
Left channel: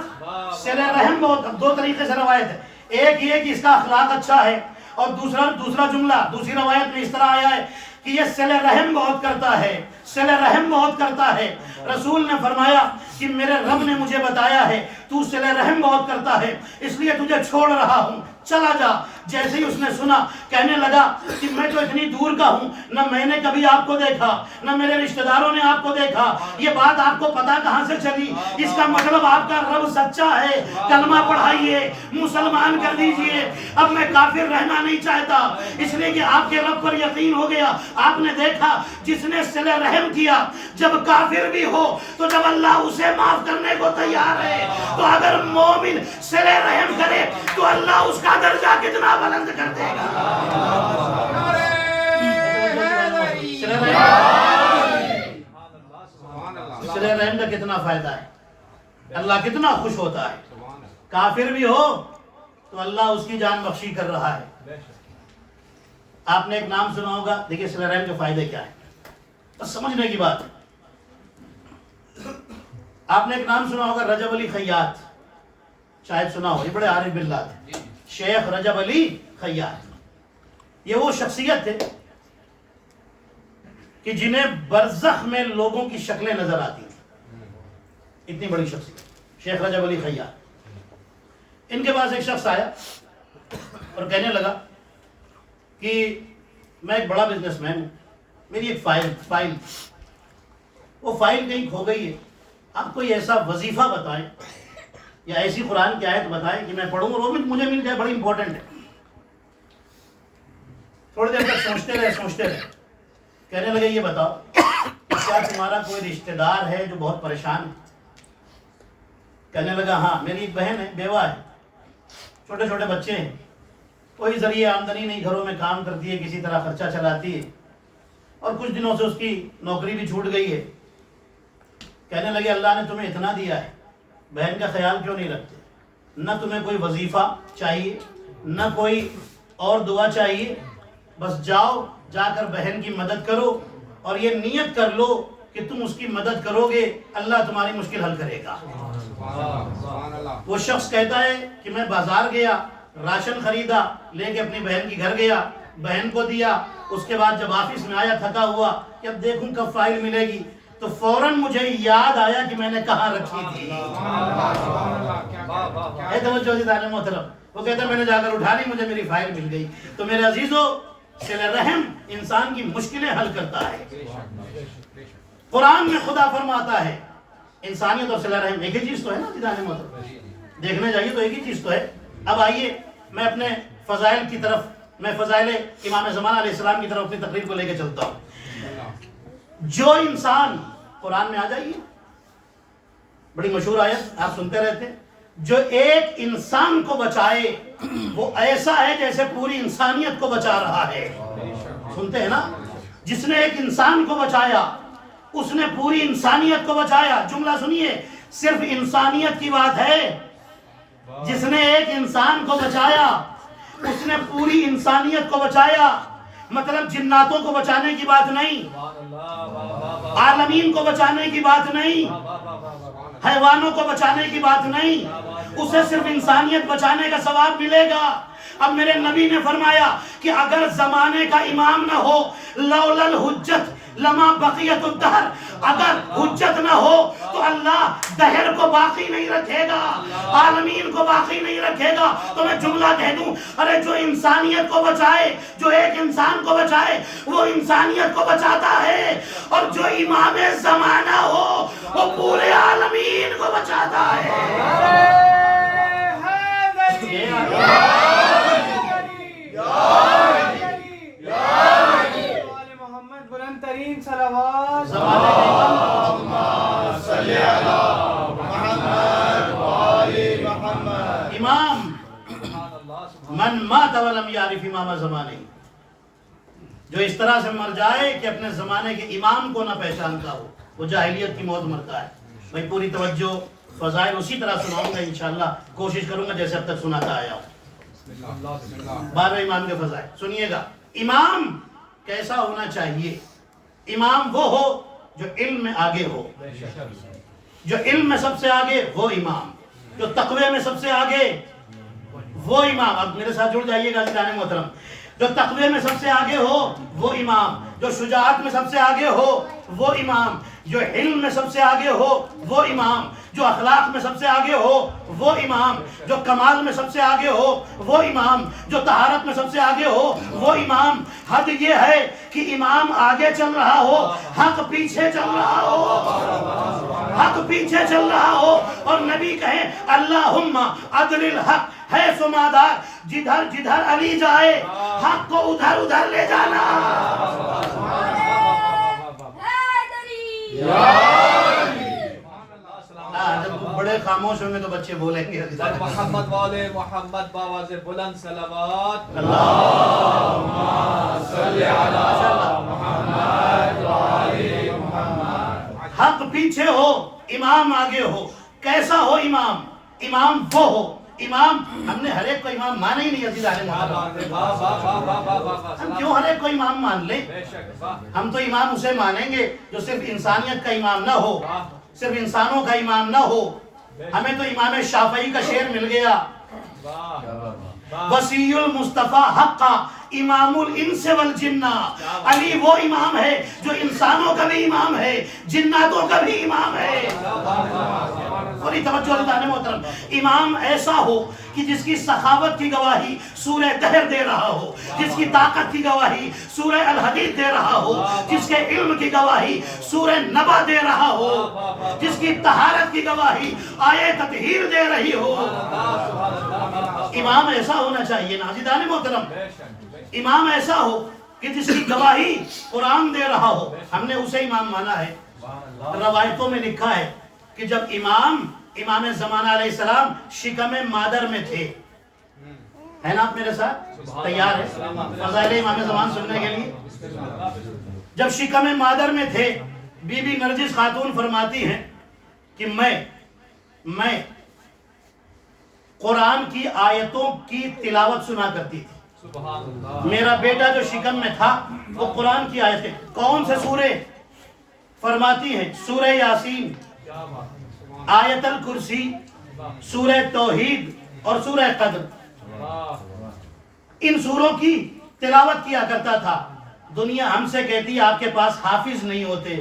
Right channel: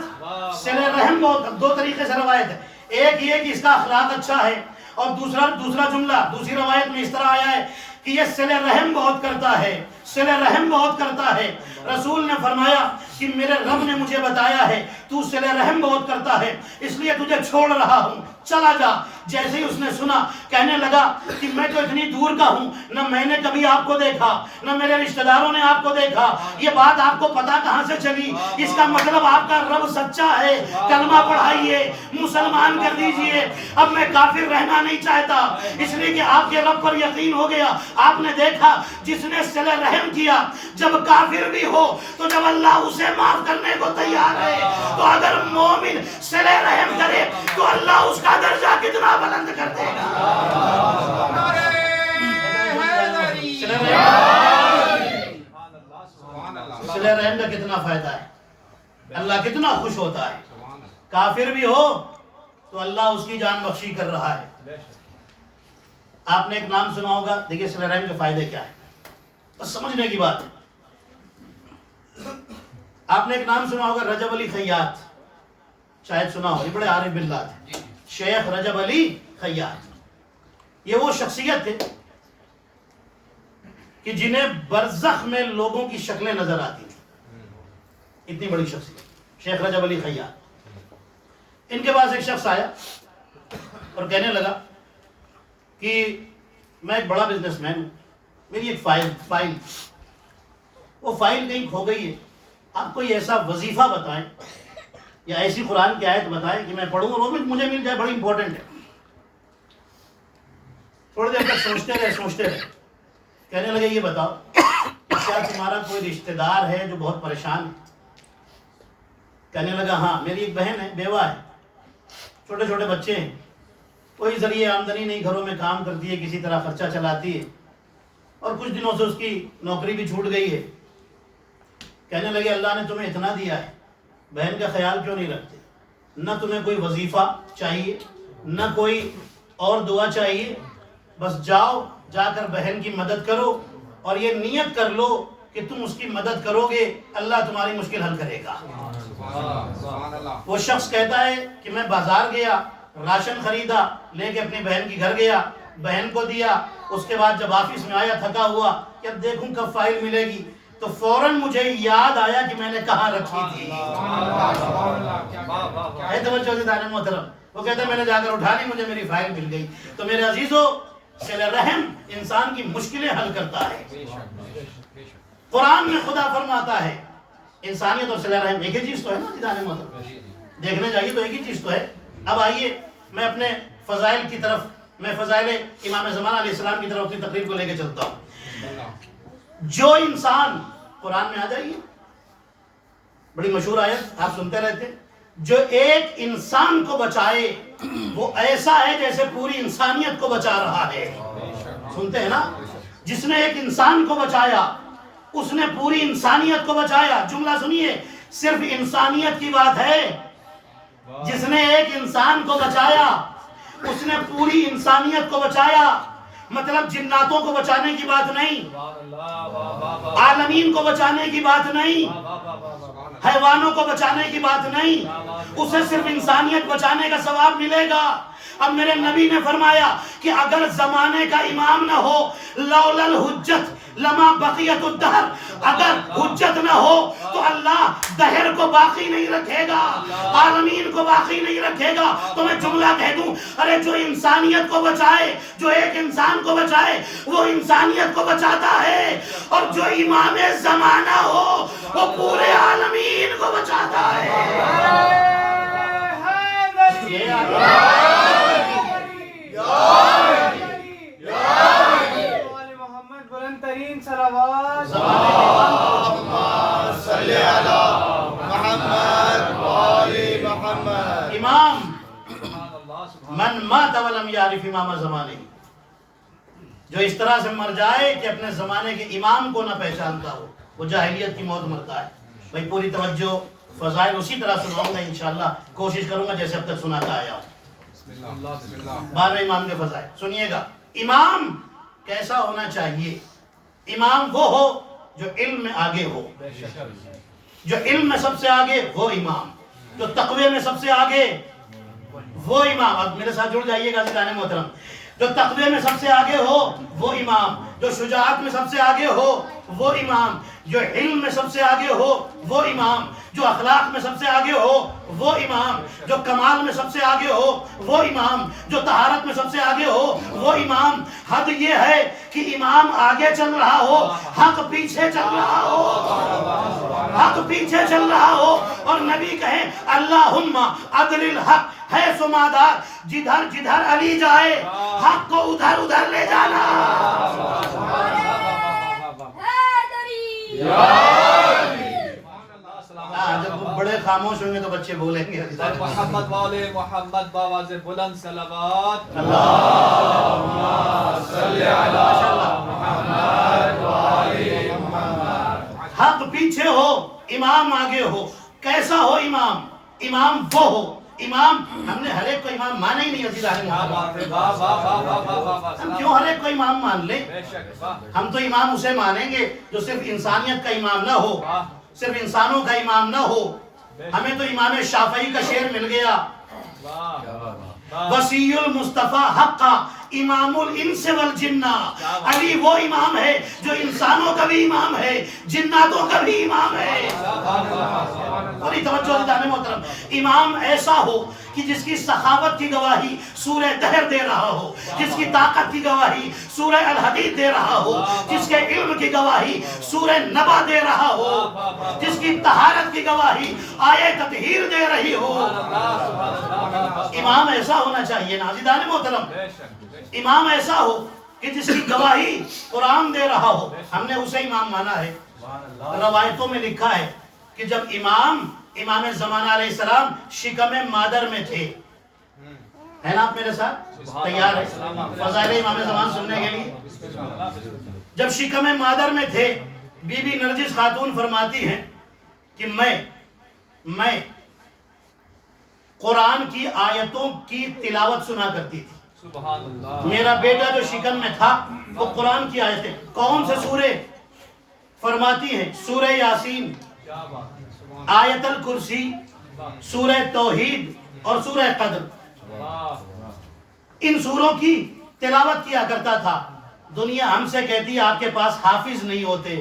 صلہ رحم بہت۔ 2 طریقے سے روایت ہے، ایک یہ کہ اس کا اخلاق اچھا ہے، اور دوسرا جملہ دوسری روایت میں اس طرح آیا ہے کہ یہ صلہ رحم بہت کرتا ہے، صلہ رحم بہت کرتا ہے۔ رسول نے فرمایا کہ میرے رب نے مجھے بتایا ہے تو صلہ رحم بہت کرتا ہے، اس لیے تجھے چھوڑ رہا ہوں، چلا جا۔ جیسے ہی اس نے سنا کہنے لگا کہ میں تو اتنی دور کا ہوں، نہ میں نے کبھی آپ کو دیکھا، نہ میرے رشتہ داروں نے آپ کو دیکھا، یہ بات آپ کو پتا کہاں سے چلی؟ اس کا مطلب آپ کا رب سچا ہے، کلمہ پڑھائیے، مسلمان کر دیجئے۔ اب میں کافر رہنا نہیں چاہتا، اس لیے کہ آپ کے رب پر یقین ہو گیا۔ آپ نے دیکھا جس نے صلہ رحم کیا جب کافر بھی ہو تو جب اللہ اسے معاف کرنے کو تیار ہے، تو اگر مومن صلہ رحم کرے تو اللہ اس کا درجہ کتنا بلند کر دے گا۔ صلہ رحم کا کتنا فائدہ ہے، اللہ کتنا خوش ہوتا ہے۔ کافر بھی ہو تو اللہ اس کی جان بخشی کر رہا ہے۔ آپ نے ایک نام سنا ہوگا، دیکھیے صلہ رحم کے فائدے کیا ہیں، بس سمجھنے کی بات ہے۔ آپ نے ایک نام سنا ہوگا رجب علی خیاط، شاید سنا ہو، یہ بڑے عارف باللہ تھے، شیخ رجب علی خیاط۔ یہ وہ شخصیت تھے کہ جنہیں برزخ میں لوگوں کی شکلیں نظر آتی تھیں، اتنی بڑی شخصیت شیخ رجب علی خیاط۔ ان کے پاس ایک شخص آیا اور کہنے لگا کہ میں ایک بڑا بزنس مین ہوں، میری ایک فائل وہ فائل کہیں کھو گئی ہے، آپ کوئی ایسا وظیفہ بتائیں یا ایسی قرآن کی آیت بتائیں کہ میں پڑھوں اور وہ بھی مجھے مل جائے، بڑی امپورٹنٹ ہے۔ تھوڑی دیر تک سوچتے رہے، کہنے لگے یہ بتاؤ کیا تمہارا کوئی رشتہ دار ہے جو بہت پریشان ہے؟ کہنے لگا ہاں، میری ایک بہن ہے، بیوہ ہے، چھوٹے چھوٹے بچے ہیں، کوئی ذریعہ آمدنی نہیں، گھروں میں کام کرتی ہے، کسی طرح خرچہ چلاتی ہے، اور کچھ دنوں سے اس کی نوکری بھی چھوٹ گئی ہے۔ کہنے لگے اللہ نے تمہیں اتنا دیا ہے، بہن کا خیال کیوں نہیں رکھتے؟ نہ تمہیں کوئی وظیفہ چاہیے، نہ کوئی اور دعا چاہیے، بس جاؤ، جا کر بہن کی مدد کرو، اور یہ نیت کر لو کہ تم اس کی مدد کرو گے، اللہ تمہاری مشکل حل کرے گا۔ وہ شخص کہتا ہے کہ میں بازار گیا، راشن خریدا، لے کے اپنی بہن کی گھر گیا، بہن کو دیا، اس کے بعد جب آفس میں آیا تھکا ہوا کہ اب دیکھوں کب فائل ملے گی، تو فوراً مجھے یاد آیا کہ میں نے کہاں رکھی تھی۔ اے توجہ دیدار محترم، وہ کہتا ہے میں نے جا کر اٹھا لی، مجھے میری فائل مل گئی۔ تو میرے عزیزو، صلہ رحم انسان کی مشکلیں حل کرتا ہے۔ قرآن میں خدا فرماتا ہے انسانیت اور صلہ رحم ایک ہی چیز تو ہے نا دیدار محترم، دیکھنے جائیے تو ایک ہی چیز تو ہے۔ اب آئیے میں اپنے فضائل کی طرف، میں فضائل امام زمانہ علیہ السلام کی طرف اپنی تقریر کو لے کے چلتا ہوں۔ جو انسان، قرآن میں آ جائیے، بڑی مشہور آیت آپ سنتے رہتے، جو ایک انسان کو بچائے وہ ایسا ہے جیسے پوری انسانیت کو بچا رہا ہے۔ سنتے ہیں نا، جس نے ایک انسان کو بچایا اس نے پوری انسانیت کو بچایا۔ جملہ سنیے، صرف انسانیت کی بات ہے، جس نے ایک انسان کو بچایا اس نے پوری انسانیت کو بچایا۔ مطلب جناتوں کو بچانے کی بات نہیں، عالمین کو بچانے کی بات نہیں، حیوانوں کو بچانے کی بات نہیں، اسے صرف انسانیت بچانے کا ثواب ملے گا۔ اب میرے نبی نے فرمایا کہ اگر زمانے کا امام نہ ہو، لولا الحجت لما بقیت الدہر، اگر حجت نہ ہو تو اللہ دہر کو باقی نہیں رکھے گا، عالمین کو باقی نہیں رکھے گا۔ تو میں جملہ کہہ دوں، ارے جو انسانیت کو بچائے، جو ایک انسان کو بچائے وہ انسانیت کو بچاتا ہے، اور جو امام زمانہ ہو وہ پورے عالمین کو بچاتا ہے۔ ترین صلوات زمانے کے امام صلی علی محمد وآل محمد. امام سبحان اللہ سبحان من مات ولم یعرف امام زمانے، جو اس طرح سے مر جائے کہ اپنے زمانے کے امام کو نہ پہچانتا ہو، وہ جاہلیت کی موت مرتا ہے. بھائی پوری توجہ، فضائل اسی طرح سناؤں گا انشاءاللہ، کوشش کروں گا جیسے اب تک سناتا آیا ہوں. بسم اللہ 12 امام کے فضائل سنیے گا. امام کیسا ہونا چاہیے؟ امام وہ ہو جو علم میں آگے ہو، جو علم میں سب سے آگے وہ امام، جو تقوی میں سب سے آگے وہ امام. اب میرے ساتھ جڑ جائیے گا عزیزان محترم. جو تقوی میں سب سے آگے ہو وہ امام، جو شجاعت میں سب سے آگے ہو وہ امام، جو علم میں سب سے آگے ہو وہ امام، جو اخلاق میں سب سے آگے ہو وہ امام، جو کمال میں سب سے آگے ہو وہ امام، جو طہارت میں سب سے آگے ہو وہ امام. حد یہ ہے کہ امام آگے چل رہا ہو، حق پیچھے چل رہا ہو، حق پیچھے چل رہا ہو، اور نبی کہیں اللہم عدل الحق ہے سمادار، جدھر جدھر علی جائے حق کو ادھر ادھر لے جانا. جب بڑے خاموش ہوں گے تو بچے بولیں گے. محمد والے محمد باواز بلند صلوات. اللہم صلی علی محمد وآل محمد. حق پیچھے ہو، امام آگے ہو. کیسا ہو امام؟ امام وہ ہو. امام ہم نے ہر ایک کو امام مانا ہی نہیں عزیزان محترم. ہم کیوں ہر ایک کو امام مان لیں؟ ہم تو امام اسے مانیں گے جو صرف انسانیت کا امام نہ ہو، صرف انسانوں کا امام نہ ہو. ہمیں تو امام شافعی کا شعر مل گیا، وسیع المصطفیٰ حقا امام الانس والجنہ. علی وہ امام ہے جو انسانوں کا بھی امام ہے، جناتوں کا بھی امام ہے. اور توجہ عزیزان محترم، امام ایسا ہو کہ جس کی سخاوت کی گواہی سورہ دہر دے رہا ہو، جس کی طاقت کی گواہی سورہ الحدید دے رہا ہو، جس کے علم کی گواہی سورہ نبا دے رہا ہو، جس کی طہارت کی گواہی آیہ تطہیر دے رہی ہو. امام ایسا ہونا چاہیے نا عزیزان محترم. امام ایسا ہو کہ جس کی گواہی قرآن دے رہا ہو، ہم نے اسے امام مانا ہے. روایتوں میں لکھا ہے کہ جب امام زمانہ علیہ السلام شکم مادر میں تھے، ہے نا آپ میرے ساتھ تیار ہے فضائل امام زمان سننے کے لیے؟ جب شکم مادر میں تھے، بی بی نرجس خاتون فرماتی ہیں کہ میں قرآن کی آیتوں کی تلاوت سنا کرتی تھی. میرا بیٹا جو شکم میں تھا وہ قرآن کی آیتیں. کون سے سورے؟ فرماتی ہیں سورہ یاسین، آیت الکرسی، سورہ توحید اور سورہ قدر. ان سوروں کی تلاوت کیا کرتا تھا. دنیا ہم سے کہتی ہے آپ کے پاس حافظ نہیں ہوتے،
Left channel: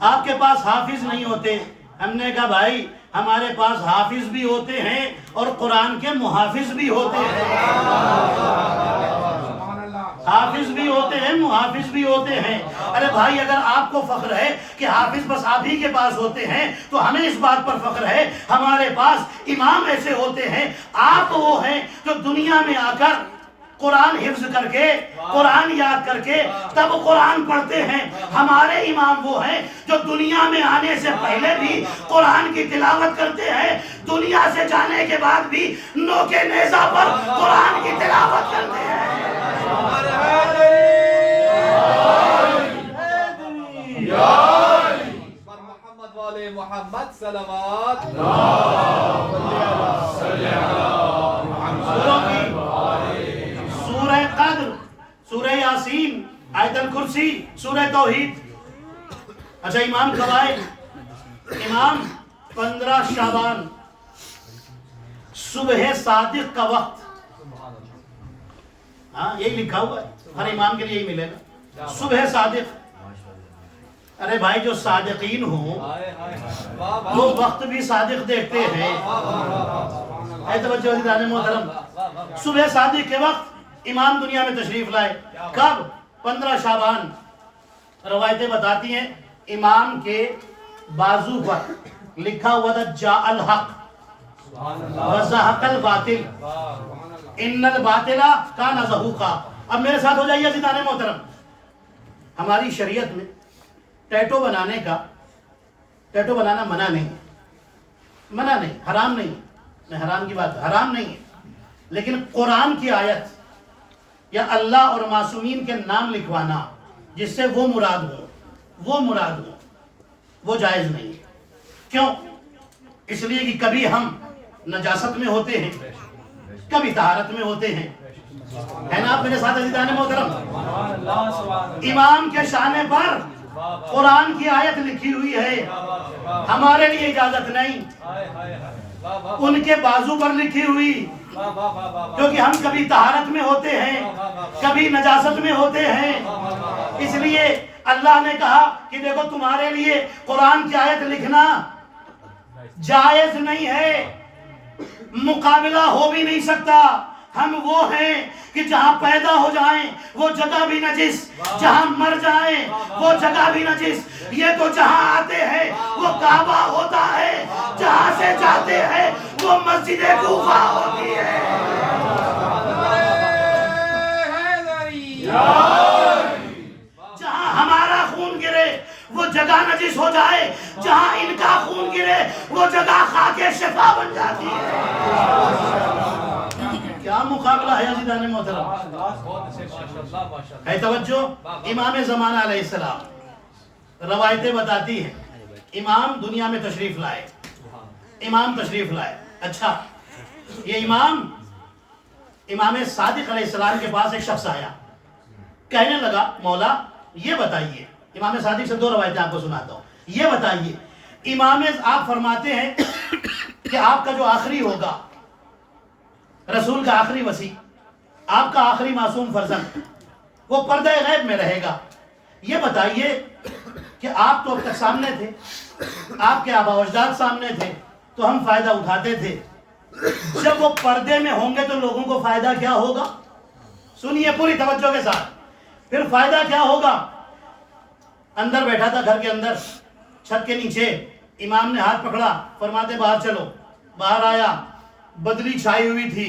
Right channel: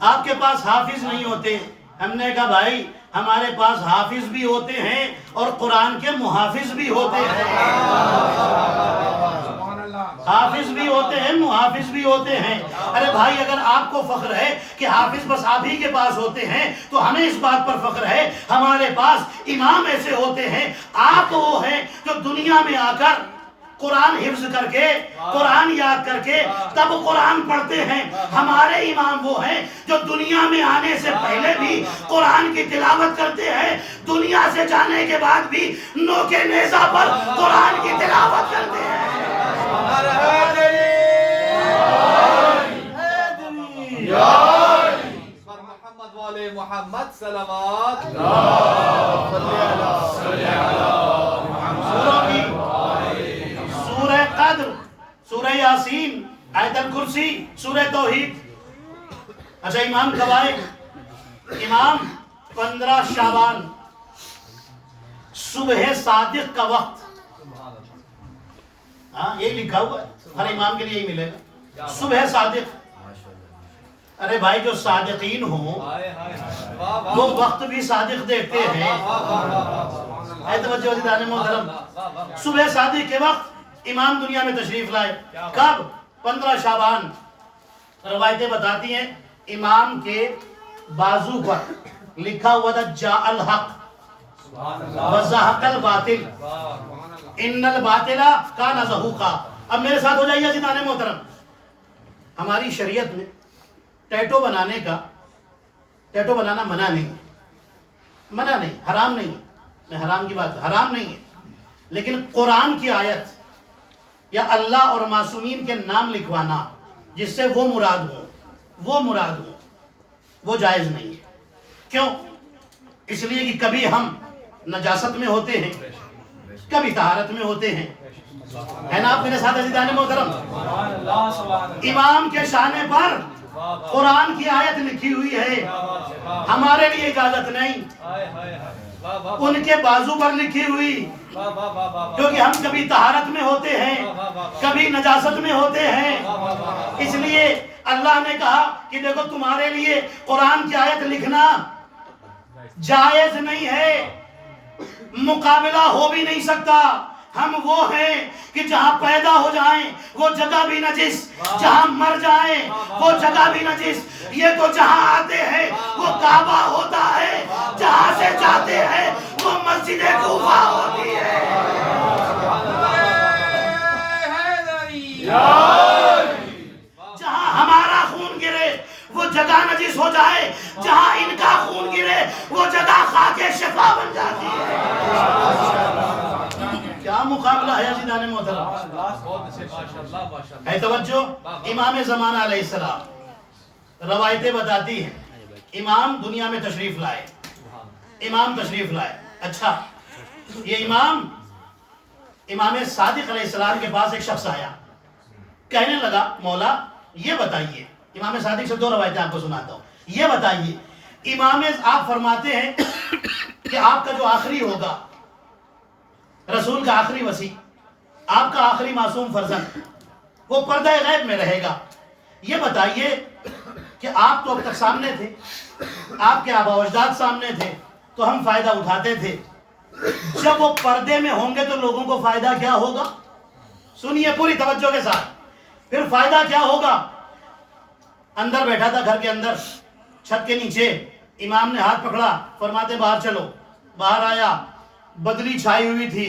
آپ کے پاس حافظ نہیں ہوتے. ہم نے کہا بھائی ہمارے پاس حافظ بھی ہوتے ہیں اور قرآن کے محافظ بھی ہوتے ہیں. حافظ بھی ہوتے ہیں، محافظ بھی ہوتے ہیں. ارے بھائی اگر آپ کو فخر ہے کہ حافظ بس آپ ہی کے پاس ہوتے ہیں تو ہمیں اس بات پر فخر ہے ہمارے پاس امام ایسے ہوتے ہیں. آپ وہ ہیں جو دنیا میں آ کر قرآن حفظ کر کے، قرآن یاد کر کے تب قرآن پڑھتے ہیں. ہمارے امام وہ ہیں جو دنیا میں آنے سے پہلے بھی قرآن کی تلاوت کرتے ہیں، دنیا سے جانے کے بعد بھی نوکے نیزہ پر قرآن کی تلاوت کرتے ہیں. محمد والے محمد صلوات. سورہ قدر، سورہ یاسین، آیت الکرسی، سورہ توحید. اچھا امام کب آئے؟ امام 15 شعبان، صبح صادق کا وقت. ہاں یہی لکھا ہوا ہے، ہر امام کے لیے یہی ملے گا، صبح صادق. ارے بھائی جو صادقین ہوں وہ وقت بھی صادق دیکھتے ہیں. اے توجہ عزیزان محترم، صبح صادق کے وقت امام دنیا میں تشریف لائے. کب؟ 15 شعبان. روایتیں بتاتی ہیں امام کے بازو پر لکھا ہوا تھا جاء الحق وزہق الباطل ان الباطل کان زہوقا. اب میرے ساتھ ہو جائیے عزیزان محترم، ہماری شریعت میں ٹیٹو بنانا منع نہیں ہے، منع نہیں، حرام نہیں ہے، میں حرام کی بات، حرام نہیں ہے، لیکن قرآن کی آیت یا اللہ اور معصومین کے نام لکھوانا جس سے وہ مراد ہو وہ جائز نہیں ہے۔ کیوں؟ اس لیے کہ کبھی ہم نجاست میں ہوتے ہیں، کبھی طہارت میں ہوتے ہیں، ہے نا آپ میرے ساتھ عزیزان محترم؟ امام کے شانے پر قرآن کی آیت لکھی ہوئی ہے، ہمارے لیے اجازت نہیں، ان کے بازو پر لکھی ہوئی، کیونکہ ہم کبھی طہارت میں ہوتے ہیں، کبھی نجاست میں ہوتے ہیں، اس لیے اللہ نے کہا کہ دیکھو تمہارے لیے قرآن کی آیت لکھنا جائز نہیں ہے، مقابلہ ہو بھی نہیں سکتا۔ ہم وہ ہیں کہ جہاں پیدا ہو جائیں وہ جگہ بھی نجس، جہاں مر جائیں وہ جگہ بھی نجس، یہ تو جہاں آتے ہیں وہ کعبہ ہوتا ہے، جہاں سے جاتے ہیں وہ مسجد کوفہ ہوتی ہے۔ جہاں ہمارا خون گرے وہ جگہ نجس ہو جائے، جہاں ان کا خون گرے وہ جگہ خاک شفا بن جاتی ہے۔ کیا مقابلہ ہے عزیزان محترم؟ ہے توجہ؟ امام زمانہ علیہ السلام، روایتیں بتاتی ہیں امام دنیا میں تشریف لائے، امام تشریف لائے، اچھا یہ امام صادق علیہ السلام کے پاس ایک شخص آیا، کہنے لگا مولا یہ بتائیے، امام صادق سے دو روایتیں آپ کو سناتا ہوں، یہ بتائیے امام آپ فرماتے ہیں کہ آپ کا جو آخری ہوگا، رسول کا آخری وصی، آپ کا آخری معصوم فرزند، وہ پردہ غیب میں رہے گا، یہ بتائیے کہ آپ تو اب تک سامنے تھے، آپ کے آبا و اجداد سامنے تھے تو ہم فائدہ اٹھاتے تھے، جب وہ پردے میں ہوں گے تو لوگوں کو فائدہ کیا ہوگا؟ سنیے پوری توجہ کے ساتھ، پھر فائدہ کیا ہوگا؟ اندر بیٹھا تھا گھر کے اندر، چھت کے نیچے، امام نے ہاتھ پکڑا، فرماتے باہر چلو، باہر آیا، بدلی چھائی ہوئی تھی،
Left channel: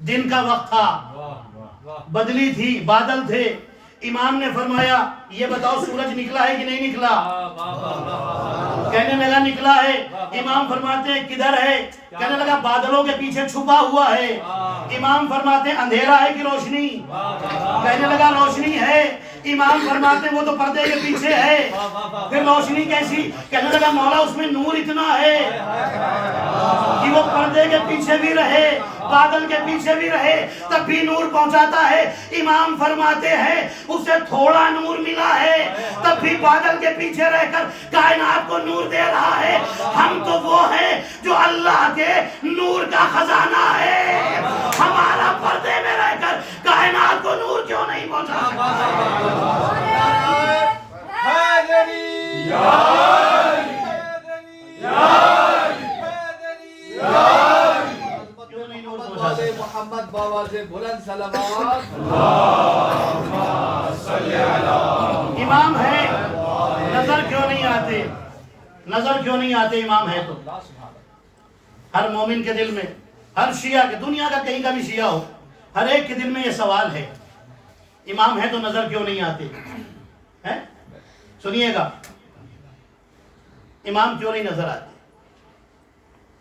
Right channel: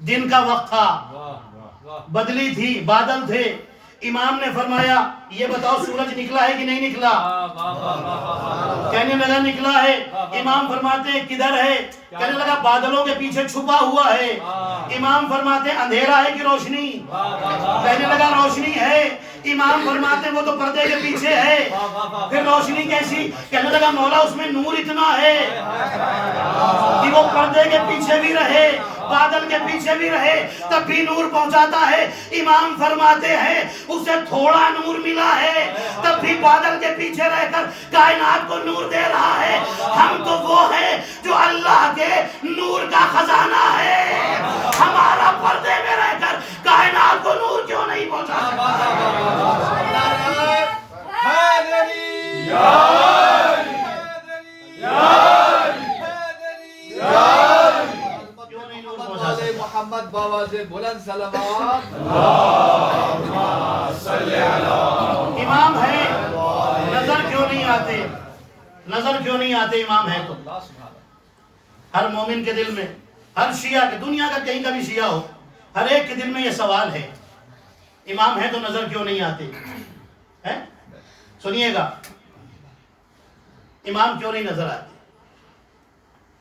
دن کا وقت تھا، بدلی تھی، بادل تھے، امام نے فرمایا یہ بتاؤ سورج نکلا ہے کہ نہیں نکلا؟ کہنے لگا نکلا ہے، امام فرماتے ہیں کدھر ہے؟ کہنے لگا بادلوں کے پیچھے چھپا ہوا ہے، امام فرماتے ہیں اندھیرا ہے کہ روشنی؟ کہنے لگا روشنی ہے، امام فرماتے ہیں وہ تو پردے کے پیچھے ہے، پھر روشنی کیسی؟ کہنے لگا مولا اس میں نور اتنا ہے کہ وہ پردے کے پیچھے بھی رہے، بادل کے پیچھے بھی رہے تب بھی نور پہنچاتا ہے، امام فرماتے ہیں اسے تھوڑا نور ملا ہے تب بھی بادل کے پیچھے رہ کر کائنات کو نور دے رہا ہے۔ ہم تو وہ ہیں جو اللہ کے نور کا خزانہ ہے، ہمارا پردے میں رہ کر کائنات کو نور کیوں نہیں پہنچا سکتا؟ محمد بابا سے بلند سلامات۔ امام ہے، نظر کیوں نہیں آتے؟ نظر کیوں نہیں آتے امام ہے تو؟ ہر مومن کے دل میں، ہر شیعہ کے، دنیا کا کہیں کا بھی شیعہ ہو، ہر ایک کے دل میں یہ سوال ہے، امام ہے تو نظر کیوں نہیں آتے؟ سنیے گا، امام کیوں نہیں نظر آتے؟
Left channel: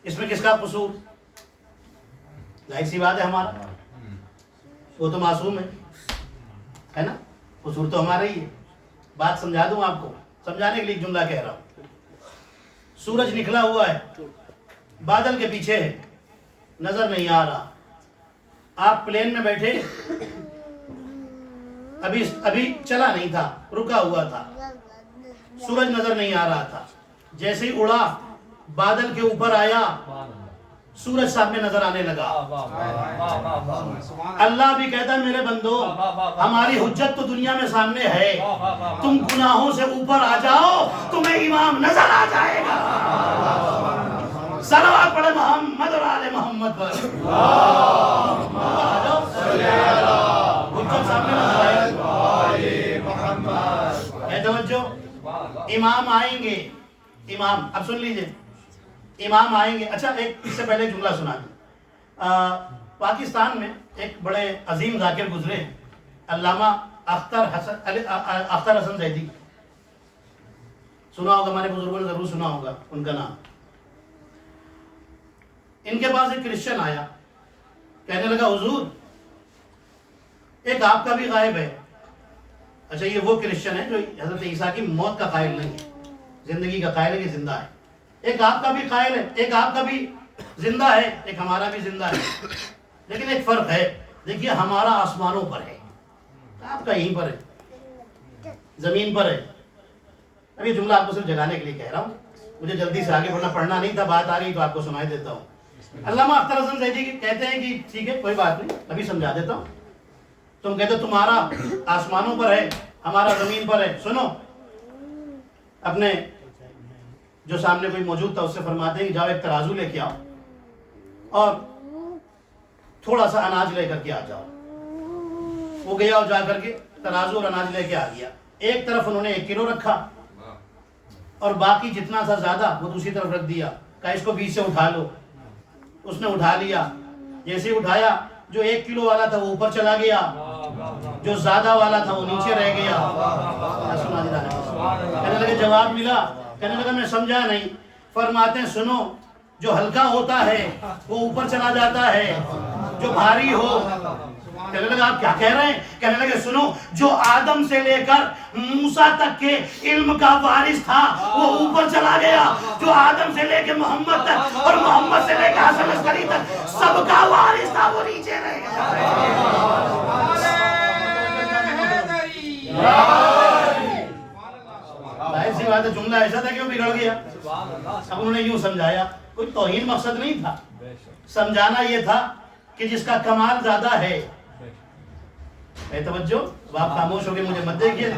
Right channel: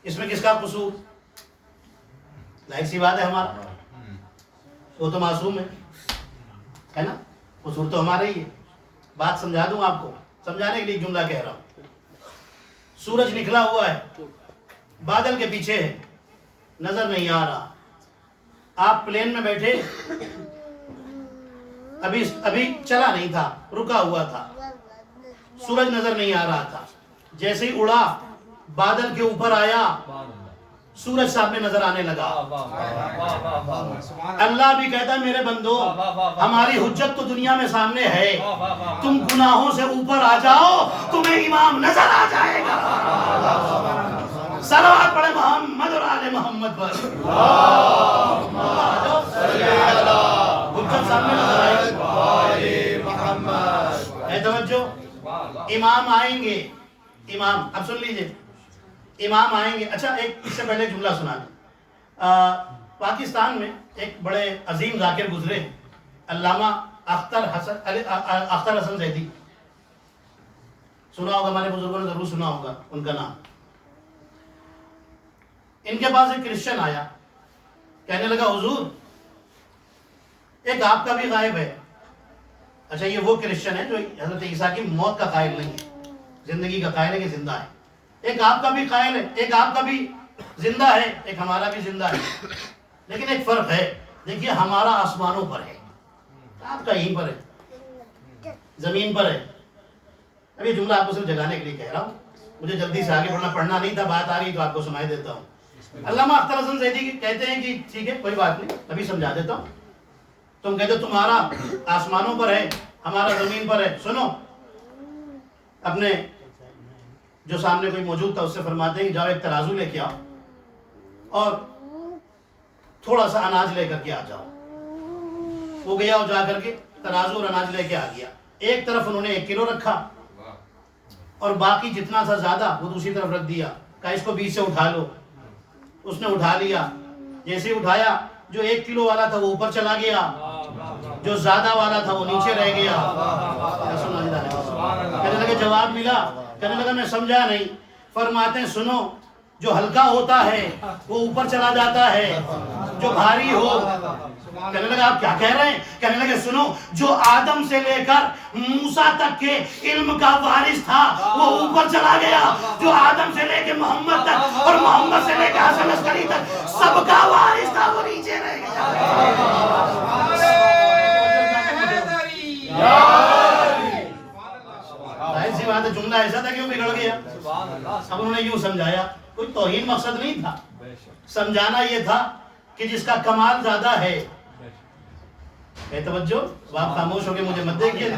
اس میں کس کا قصور؟ ظاہر سی بات ہے ہمارا، وہ تو معصوم ہے نا، قصور تو ہمارا ہی ہے۔ بات سمجھا دوں آپ کو، سمجھانے کے لیے ایک جملہ کہہ رہا ہوں۔ سورج نکلا ہوا ہے، بادل کے پیچھے ہے، نظر نہیں آ رہا، آپ پلین میں بیٹھے، ابھی چلا نہیں تھا، رکا ہوا تھا، سورج نظر نہیں آ رہا تھا، جیسے ہی اڑا بادل کے اوپر آیا سورج سامنے نظر آنے لگا۔ اللہ بھی کہتا ہے میرے بندو ہماری حجت تو دنیا میں سامنے ہے، تم گناہوں سے اوپر آ جاؤ تمہیں امام نظر آ جائے گا۔ صلوات پڑھے محمد اور آل محمد پر، اوپر آ جاؤ، حجت سامنے نظر آئے گی۔ اے توجہ، امام آئیں گے، امام اب سن لیجئے، امام آئیں گے۔ اچھا ایک اس سے پہلے جملہ سنا دوں، پاکستان میں ایک بڑے عظیم ذاکر گزرے ہیں، علامہ اختر حسن زیدی، سنا ہوگا، ہمارے بزرگوں نے ضرور سنا ہوگا ان کا نام. ان کے پاس ایک کرسچن آیا، کہنے لگا حضور ایک آپ کا بھی غائب ہے. اچھا یہ وہ کرسچن ہے جو حضرت عیسیٰ کی موت کا قائل نہیں ہے، زندگی کا قائل ہے کہ زندہ ہے. ایک آپ کا بھی قائل ہے، ایک آپ کا بھی زندہ ہے، ایک ہمارا بھی زندہ ہے، لیکن ایک فرق ہے. دیکھیے ہمارا آسمانوں پر ہے، آپ کا یہیں پر ہے، زمین پر ہے. اب یہ جملہ آپ کو صرف جگانے کے لیے کہہ رہا ہوں، مجھے جلدی سے آگے پڑھنا نہیں تھا، بات آ رہی تو آپ کو سنائی دیتا ہوں. علامہ اختر حسن زیدی کہتے ہیں کہ ٹھیک ہے کوئی بات نہیں، ابھی سمجھا دیتا ہوں. تم کہتے تمہارا آسمانوں پر ہے، ہمارا زمین پر ہے. سنو، اپنے جو سامنے کوئی موجود تھا اس سے فرماتے ہیں جاؤ ایک ترازو لے کے آؤ اور تھوڑا سا اناج لے کر کے آ جاؤ. وہ گیا اور جا کر کے ترازو اور اناج لے کے آ گیا. ایک طرف انہوں نے 1 کلو رکھا اور باقی جتنا تھا زیادہ وہ دوسری طرف رکھ دیا، کہا اس کو بیچ سے اٹھا لو. اس نے اٹھا لیا، جیسے ہی اٹھایا جو 1 کلو والا تھا وہ اوپر چلا گیا، جو زیادہ والا تھا وہ نیچے رہ گیا. کہنے لگے جواب ملا؟ کہنے لگا میں سمجھا نہیں. فرماتے ہیں سنو، جو ہلکا ہوتا ہے وہ اوپر چلا جاتا ہے، جو بھاری ہو. کہنے لگا آپ کیا کہہ رہے ہیں؟ کہنے لگے سنو، جو آدم سے لے کر موسیٰ تک کے علم کا وارث تھا وہ اوپر چلا گیا، جو آدم سے لے کے محمد تک اور محمد سے لے کے حسن عسکری تک سب کا وارث تھا وہ نیچے رہ گیا. ظاہر سی بات ہے جملہ ایسا تھا کہ وہ بگڑ گیا. اب انہوں نے یوں سمجھایا، کوئی توہین مقصد نہیں تھا، سمجھانا یہ تھا کہ جس کا کمال زیادہ ہے. اے توجہ، اب آپ خاموش ہو کے مجھے مت دیکھیے.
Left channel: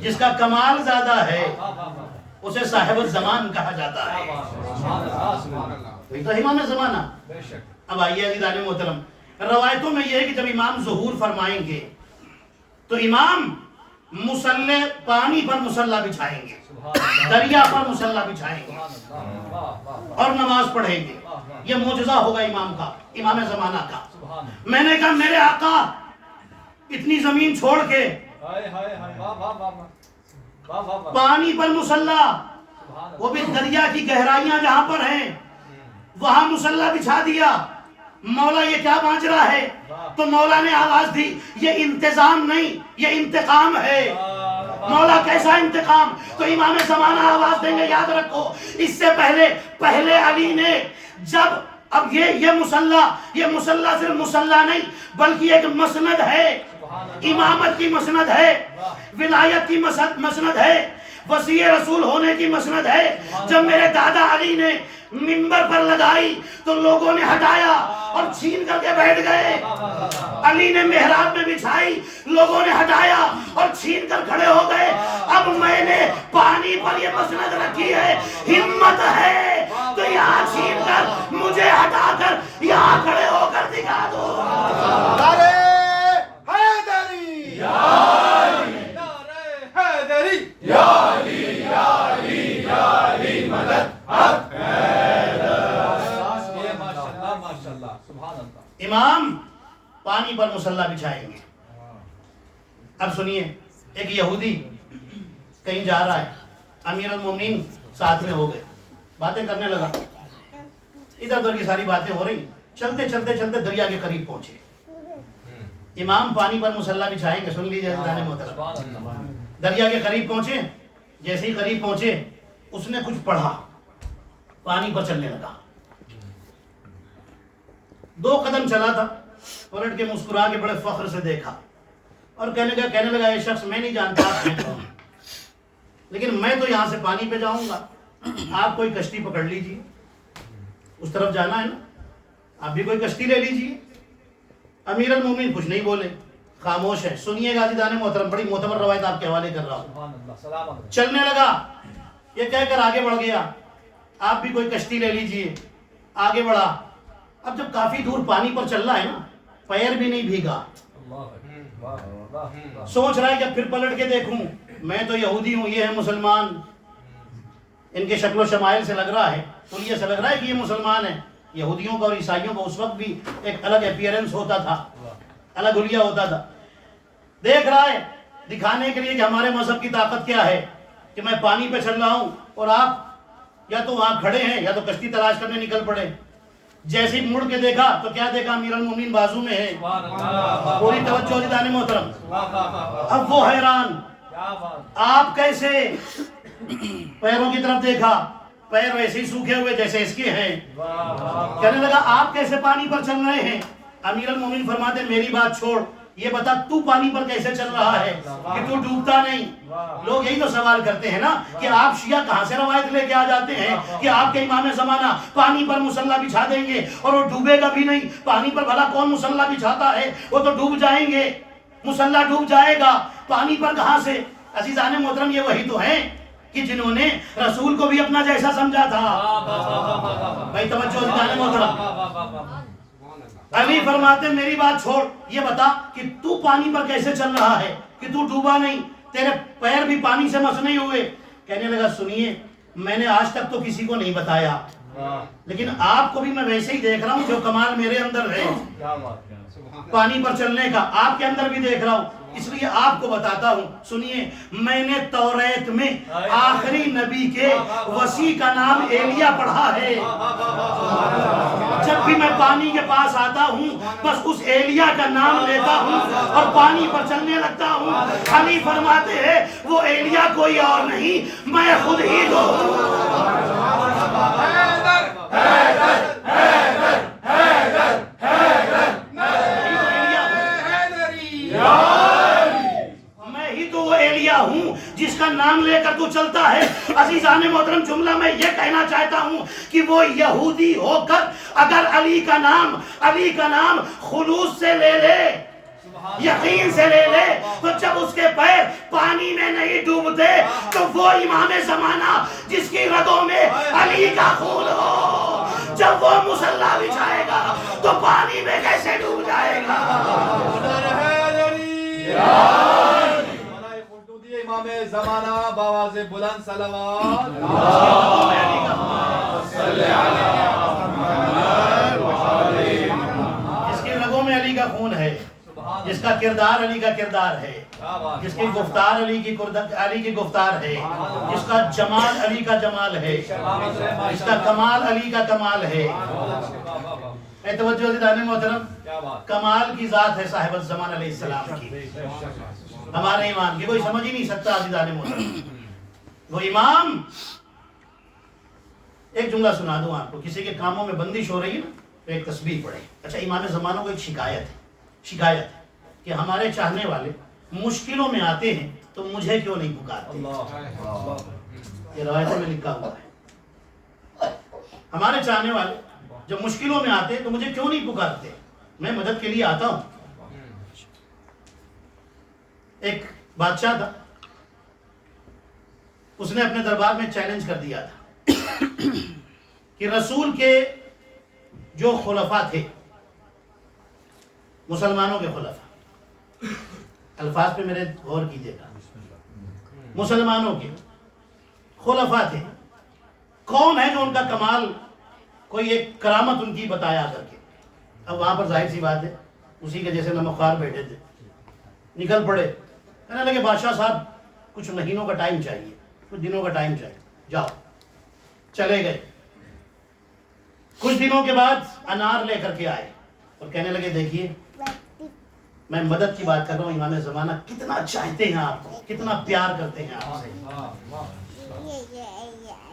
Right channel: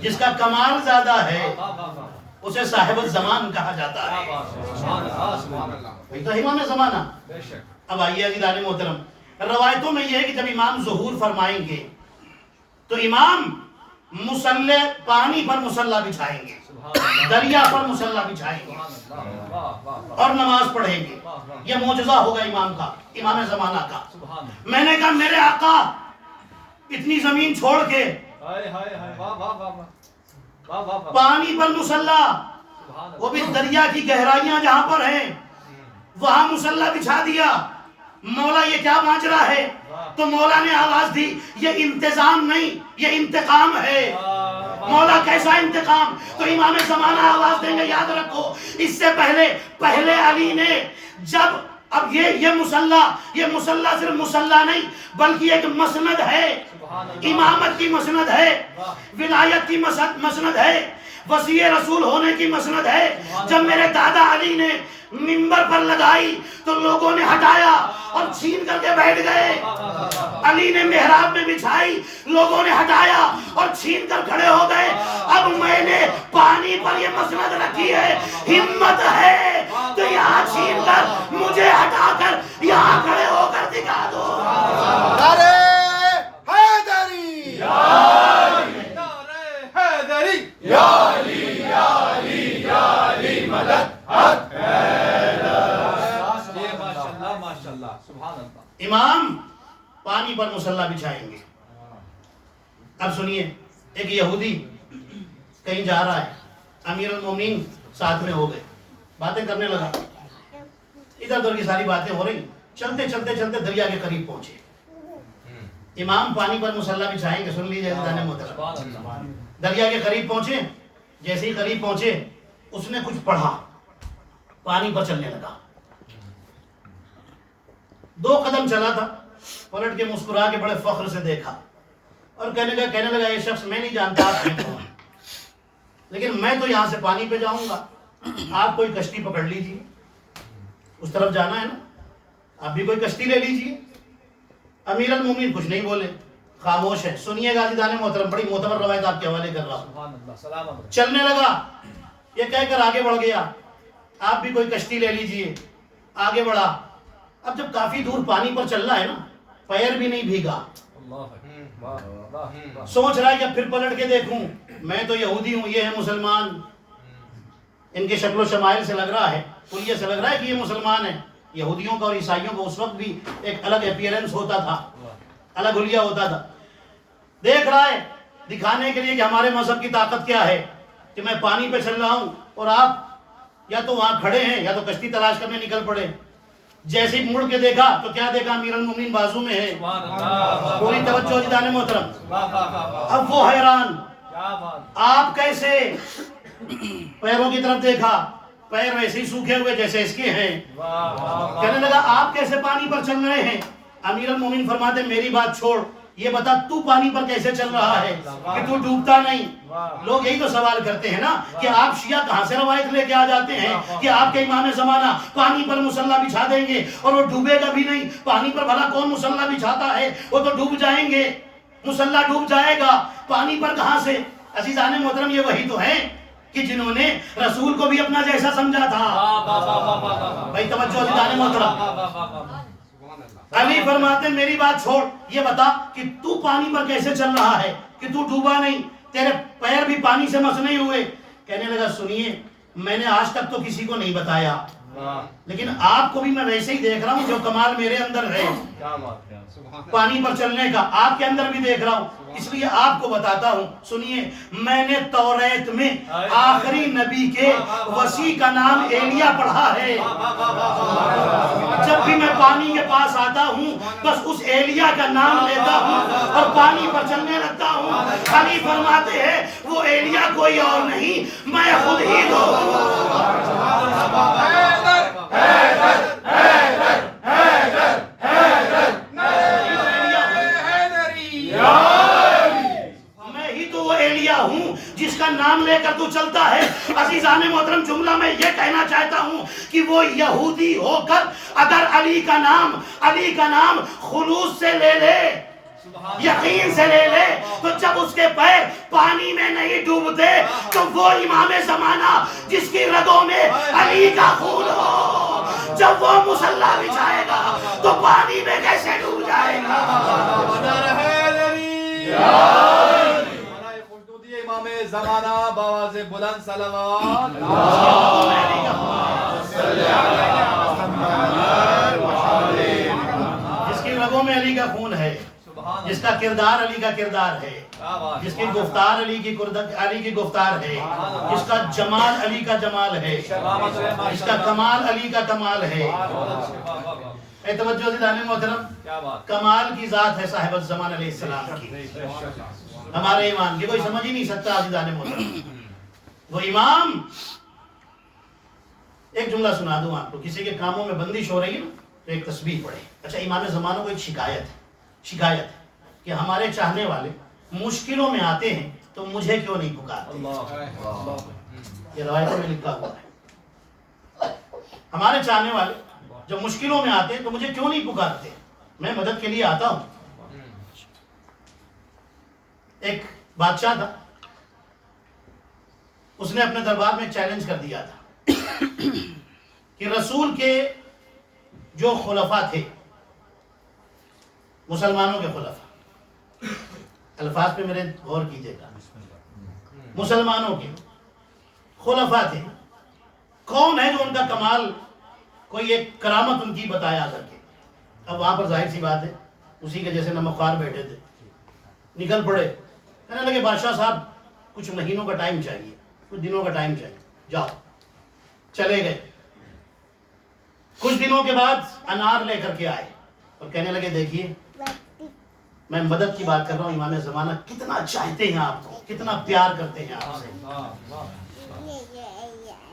جس کا کمال زیادہ ہے اسے صاحب الزمان کہا جاتا ہے. تو امام زمانہ. اب آئیے عزیزان محترم، روایتوں میں یہ ہے کہ جب امام ظہور فرمائیں گے تو امام مصلی پانی پر مصلی بچھائیں گے، دریا پر مصلی بچھائیں گے اور نماز پڑھیں گے. یہ معجزہ ہوگا امام کا، امام زمانہ کا. میں نے کہا میرے آقا اتنی زمین چھوڑ کے پانی پر مصلی، وہ بھی دریا کی گہرائیاں جہاں پر ہیں وہاں مصلی بچھا دیا. مولا یہ کیا ماجرا ہے؟ تو مولا نے آواز دی یہ انتظام نہیں، یہ انتقام ہے. مولا کیسا انتقام؟ تو امام زمانہ آواز دیں گے یاد رکھو اس سے پہلے علی نے جب اب یہ مصلی صرف مصلی نہیں بلکہ ایک مسند ہے، امامت کی مسند ہے، ولایت کی مسند ہے، وصی رسول ہونے کی مسند ہے. جب میرے دادا علی نے منبر پر لگائی تو لوگوں نے ہٹایا اور چھین کر کے بیٹھ گئے. علی نے محراب میں بچھائی، لوگوں نے ہٹایا اور چھین کر کھڑے ہو گئے. اب میں نے پانی پر یہ مسند رکھی ہے، ہمت ہے تو یہاں چھین کر مجھے ہٹا کر یہاں کھڑے ہو کر دکھا دو. امام پانی پر مصلی بچھائیں گے. اب سنیے، ایک یہودی کہیں جا رہا ہے، امیر المومنین ساتھ میں ہو گئے، باتیں کرنے لگا، ادھر ادھر کی ساری باتیں ہو رہی. چلتے چلتے چلتے دریا کے قریب پہنچے. امام پانی پر مصلی بچھائیں گے، سن لیجیے محترم. دریا کے قریب پہنچے، جیسے ہی قریب پہنچے اس نے کچھ پڑھا، پانی پر چلنے لگا. 2 قدم چلا تھا، پلٹ کے مسکرا کے بڑے فخر سے دیکھا اور کہنے لگا یہ شخص میں نہیں جانتا آپ ہیں کون، لیکن میں تو یہاں سے پانی پہ جاؤں گا، آپ کوئی کشتی پکڑ لیجیے، اس طرف جانا ہے نا، آپ بھی کوئی کشتی لے لیجیے. امیر المومنین کچھ نہیں بولے، خاموش ہے. سنیے گا عزیزان محترم، بڑی معتبر روایت آپ کے حوالے کر رہا ہوں. چلنے لگا، یہ کہہ کر آگے بڑھ گیا، آپ بھی کوئی کشتی لے لیجیے. آگے بڑھا. اب جب کافی دور پانی پر چل رہا ہے نا، پیر بھی نہیں بھیگا، سوچ رہا ہے کہ پھر پلٹ کے دیکھوں، میں تو یہودی ہوں، یہ ہے مسلمان، ان کے شکل و شمائل سے لگ رہا ہے، یہ سے لگ رہا ہے کہ یہ مسلمان ہے. یہودیوں کا اور عیسائیوں کا اس وقت بھی ایک الگ اپیرنس ہوتا تھا، الگ حلیہ ہوتا تھا. دیکھ رہا ہے دکھانے کے لیے کہ ہمارے مذہب کی طاقت کیا ہے، کہ میں پانی پہ چل رہا ہوں اور آپ یا تو وہاں کھڑے ہیں یا تو کشتی تلاش کرنے نکل پڑے۔ جیسے ہی مڑ کے دیکھا تو کیا دیکھا؟ امیر المومنین بازو میں ہے۔ پوری توجہ دیدان محترم۔ اب وہ حیران، آپ کیسے؟ پیروں کی طرف دیکھا، پیر ویسے ہی سوکھے ہوئے جیسے اس کے ہیں۔ کہنے لگا آپ کیسے پانی پر چل رہے ہیں؟ امیر المومنین فرماتے میری بات چھوڑ، یہ بتا تو پانی پر کیسے چل رہا ہے کہ تو ڈوبتا نہیں؟ لوگ یہی تو سوال کرتے ہیں نا کہ آپ شیعہ کہاں سے روایت لے کے آ جاتے ہیں کہ آپ کے امام زمانہ پانی پر مصلی بچھا دیں گے اور وہ ڈوبے گا بھی نہیں؟ پانی پر بھلا کون مصلی بچھاتا ہے؟ وہ تو ڈوب جائیں گے، مصلی ڈوب جائے گا، پانی پر کہاں سے؟ عزیزان محترم، یہ وہی تو ہیں کہ جنہوں نے رسول کو بھی اپنا جیسا سمجھا تھا۔ بھائی توجہ عزیزان محترم۔ علی فرماتے میری بات چھوڑ، یہ بتا کہ تو پانی پر کیسے چل رہا ہے کہ تو ڈوبا نہیں، تیرے پیر بھی پانی سے مس نہیں ہوئے؟ کہنے لگا سنیے، میں نے آج تک تو کسی کو نہیں بتایا، لیکن آپ کو بھی میں ویسے ہی دیکھ رہا ہوں جو کمال میرے اندر ہے پانی پر چلنے کا، آپ کے اندر بھی دیکھ رہا ہوں، اس لیے آپ کو بتاتا ہوں۔ سنیے، میں نے توریت میں آخری نبی کے وسیع کا نام ایلیا پڑھا ہے۔ جب بھی میں پانی کے پاس آتا ہوں بس اس ایلیا کا نام لیتا ہوں اور پانی پر چلنے لگتا ہوں۔ علی فرماتے ہیں وہ ایلیا کوئی اور نہیں، میں خود ہی تو ہوں جس کا نام لے کر تو چلتا ہے۔ عزیزان محترم، جملہ میں یہ کہنا چاہتا ہوں کہ وہ یہودی ہو کر اگر علی کا نام خلوص سے لے لے، یقین سے لے لے، تو جب اس کے پیر پانی میں نہیں ڈوبتے تو وہ امام زمانہ جس کی رگوں میں علی کا خون ہو، جب وہ مصلی بچھائے گا تو پانی میں کیسے ڈوب جائے گا؟ امام زمانہ باواز بلند صلوات۔ جس کی رگوں میں علی کا خون ہے، جس کا کردار علی کا کردار ہے، جس کی گفتار علی کی گفتار ہے، جس کا جمال علی کا جمال ہے، جس کا کمال علی کا کمال ہے۔ اے توجہ دیدان محترم، کمال کی ذات ہے صاحب الزمان علیہ السلام کی، ہمارے امام کی کوئی سمجھ ہی نہیں سکتا۔ عزیزان محترم، وہ امام، ایک جملہ سنا دوں آپ کو، کسی کے کاموں میں بندش ہو رہی ہے نا تو ایک تسبیح پڑھے۔ اچھا، امام زمانہ کو ایک شکایت ہے کہ ہمارے چاہنے والے مشکلوں میں آتے ہیں تو مجھے کیوں نہیں پکارتے؟ یہ روایتوں میں لکھا ہوا ہے، ہمارے چاہنے والے جب مشکلوں میں آتے ہیں تو مجھے کیوں نہیں پکارتے؟ میں مدد کے لیے آتا ہوں۔ ایک بادشاہ تھا، اس نے اپنے دربار میں چیلنج کر دیا تھا کہ رسول کے جو خلفاء تھے، مسلمانوں کے خلفاء، الفاظ پہ میرے غور کیجیے گا، مسلمانوں کے خلفاء تھے، کون ہے جو ان کا کمال، کوئی ایک کرامت ان کی بتایا کر کے؟ اب وہاں پر ظاہر سی بات ہے اسی کے جیسے نمکھار بیٹھے تھے، نکل پڑے، کہنے لگے بادشاہ صاحب کچھ مہینوں کا ٹائم چاہیے، کچھ دنوں کا ٹائم چاہیے، جاؤ۔ چلے گئے، کچھ دنوں کے بعد انار لے کر کے آئے اور کہنے لگے دیکھیے میں مدد کی بات کر رہا ہوں، امام زمانہ کتنا چاہتے ہیں آپ کو، کتنا پیار کرتے ہیں آپ سے۔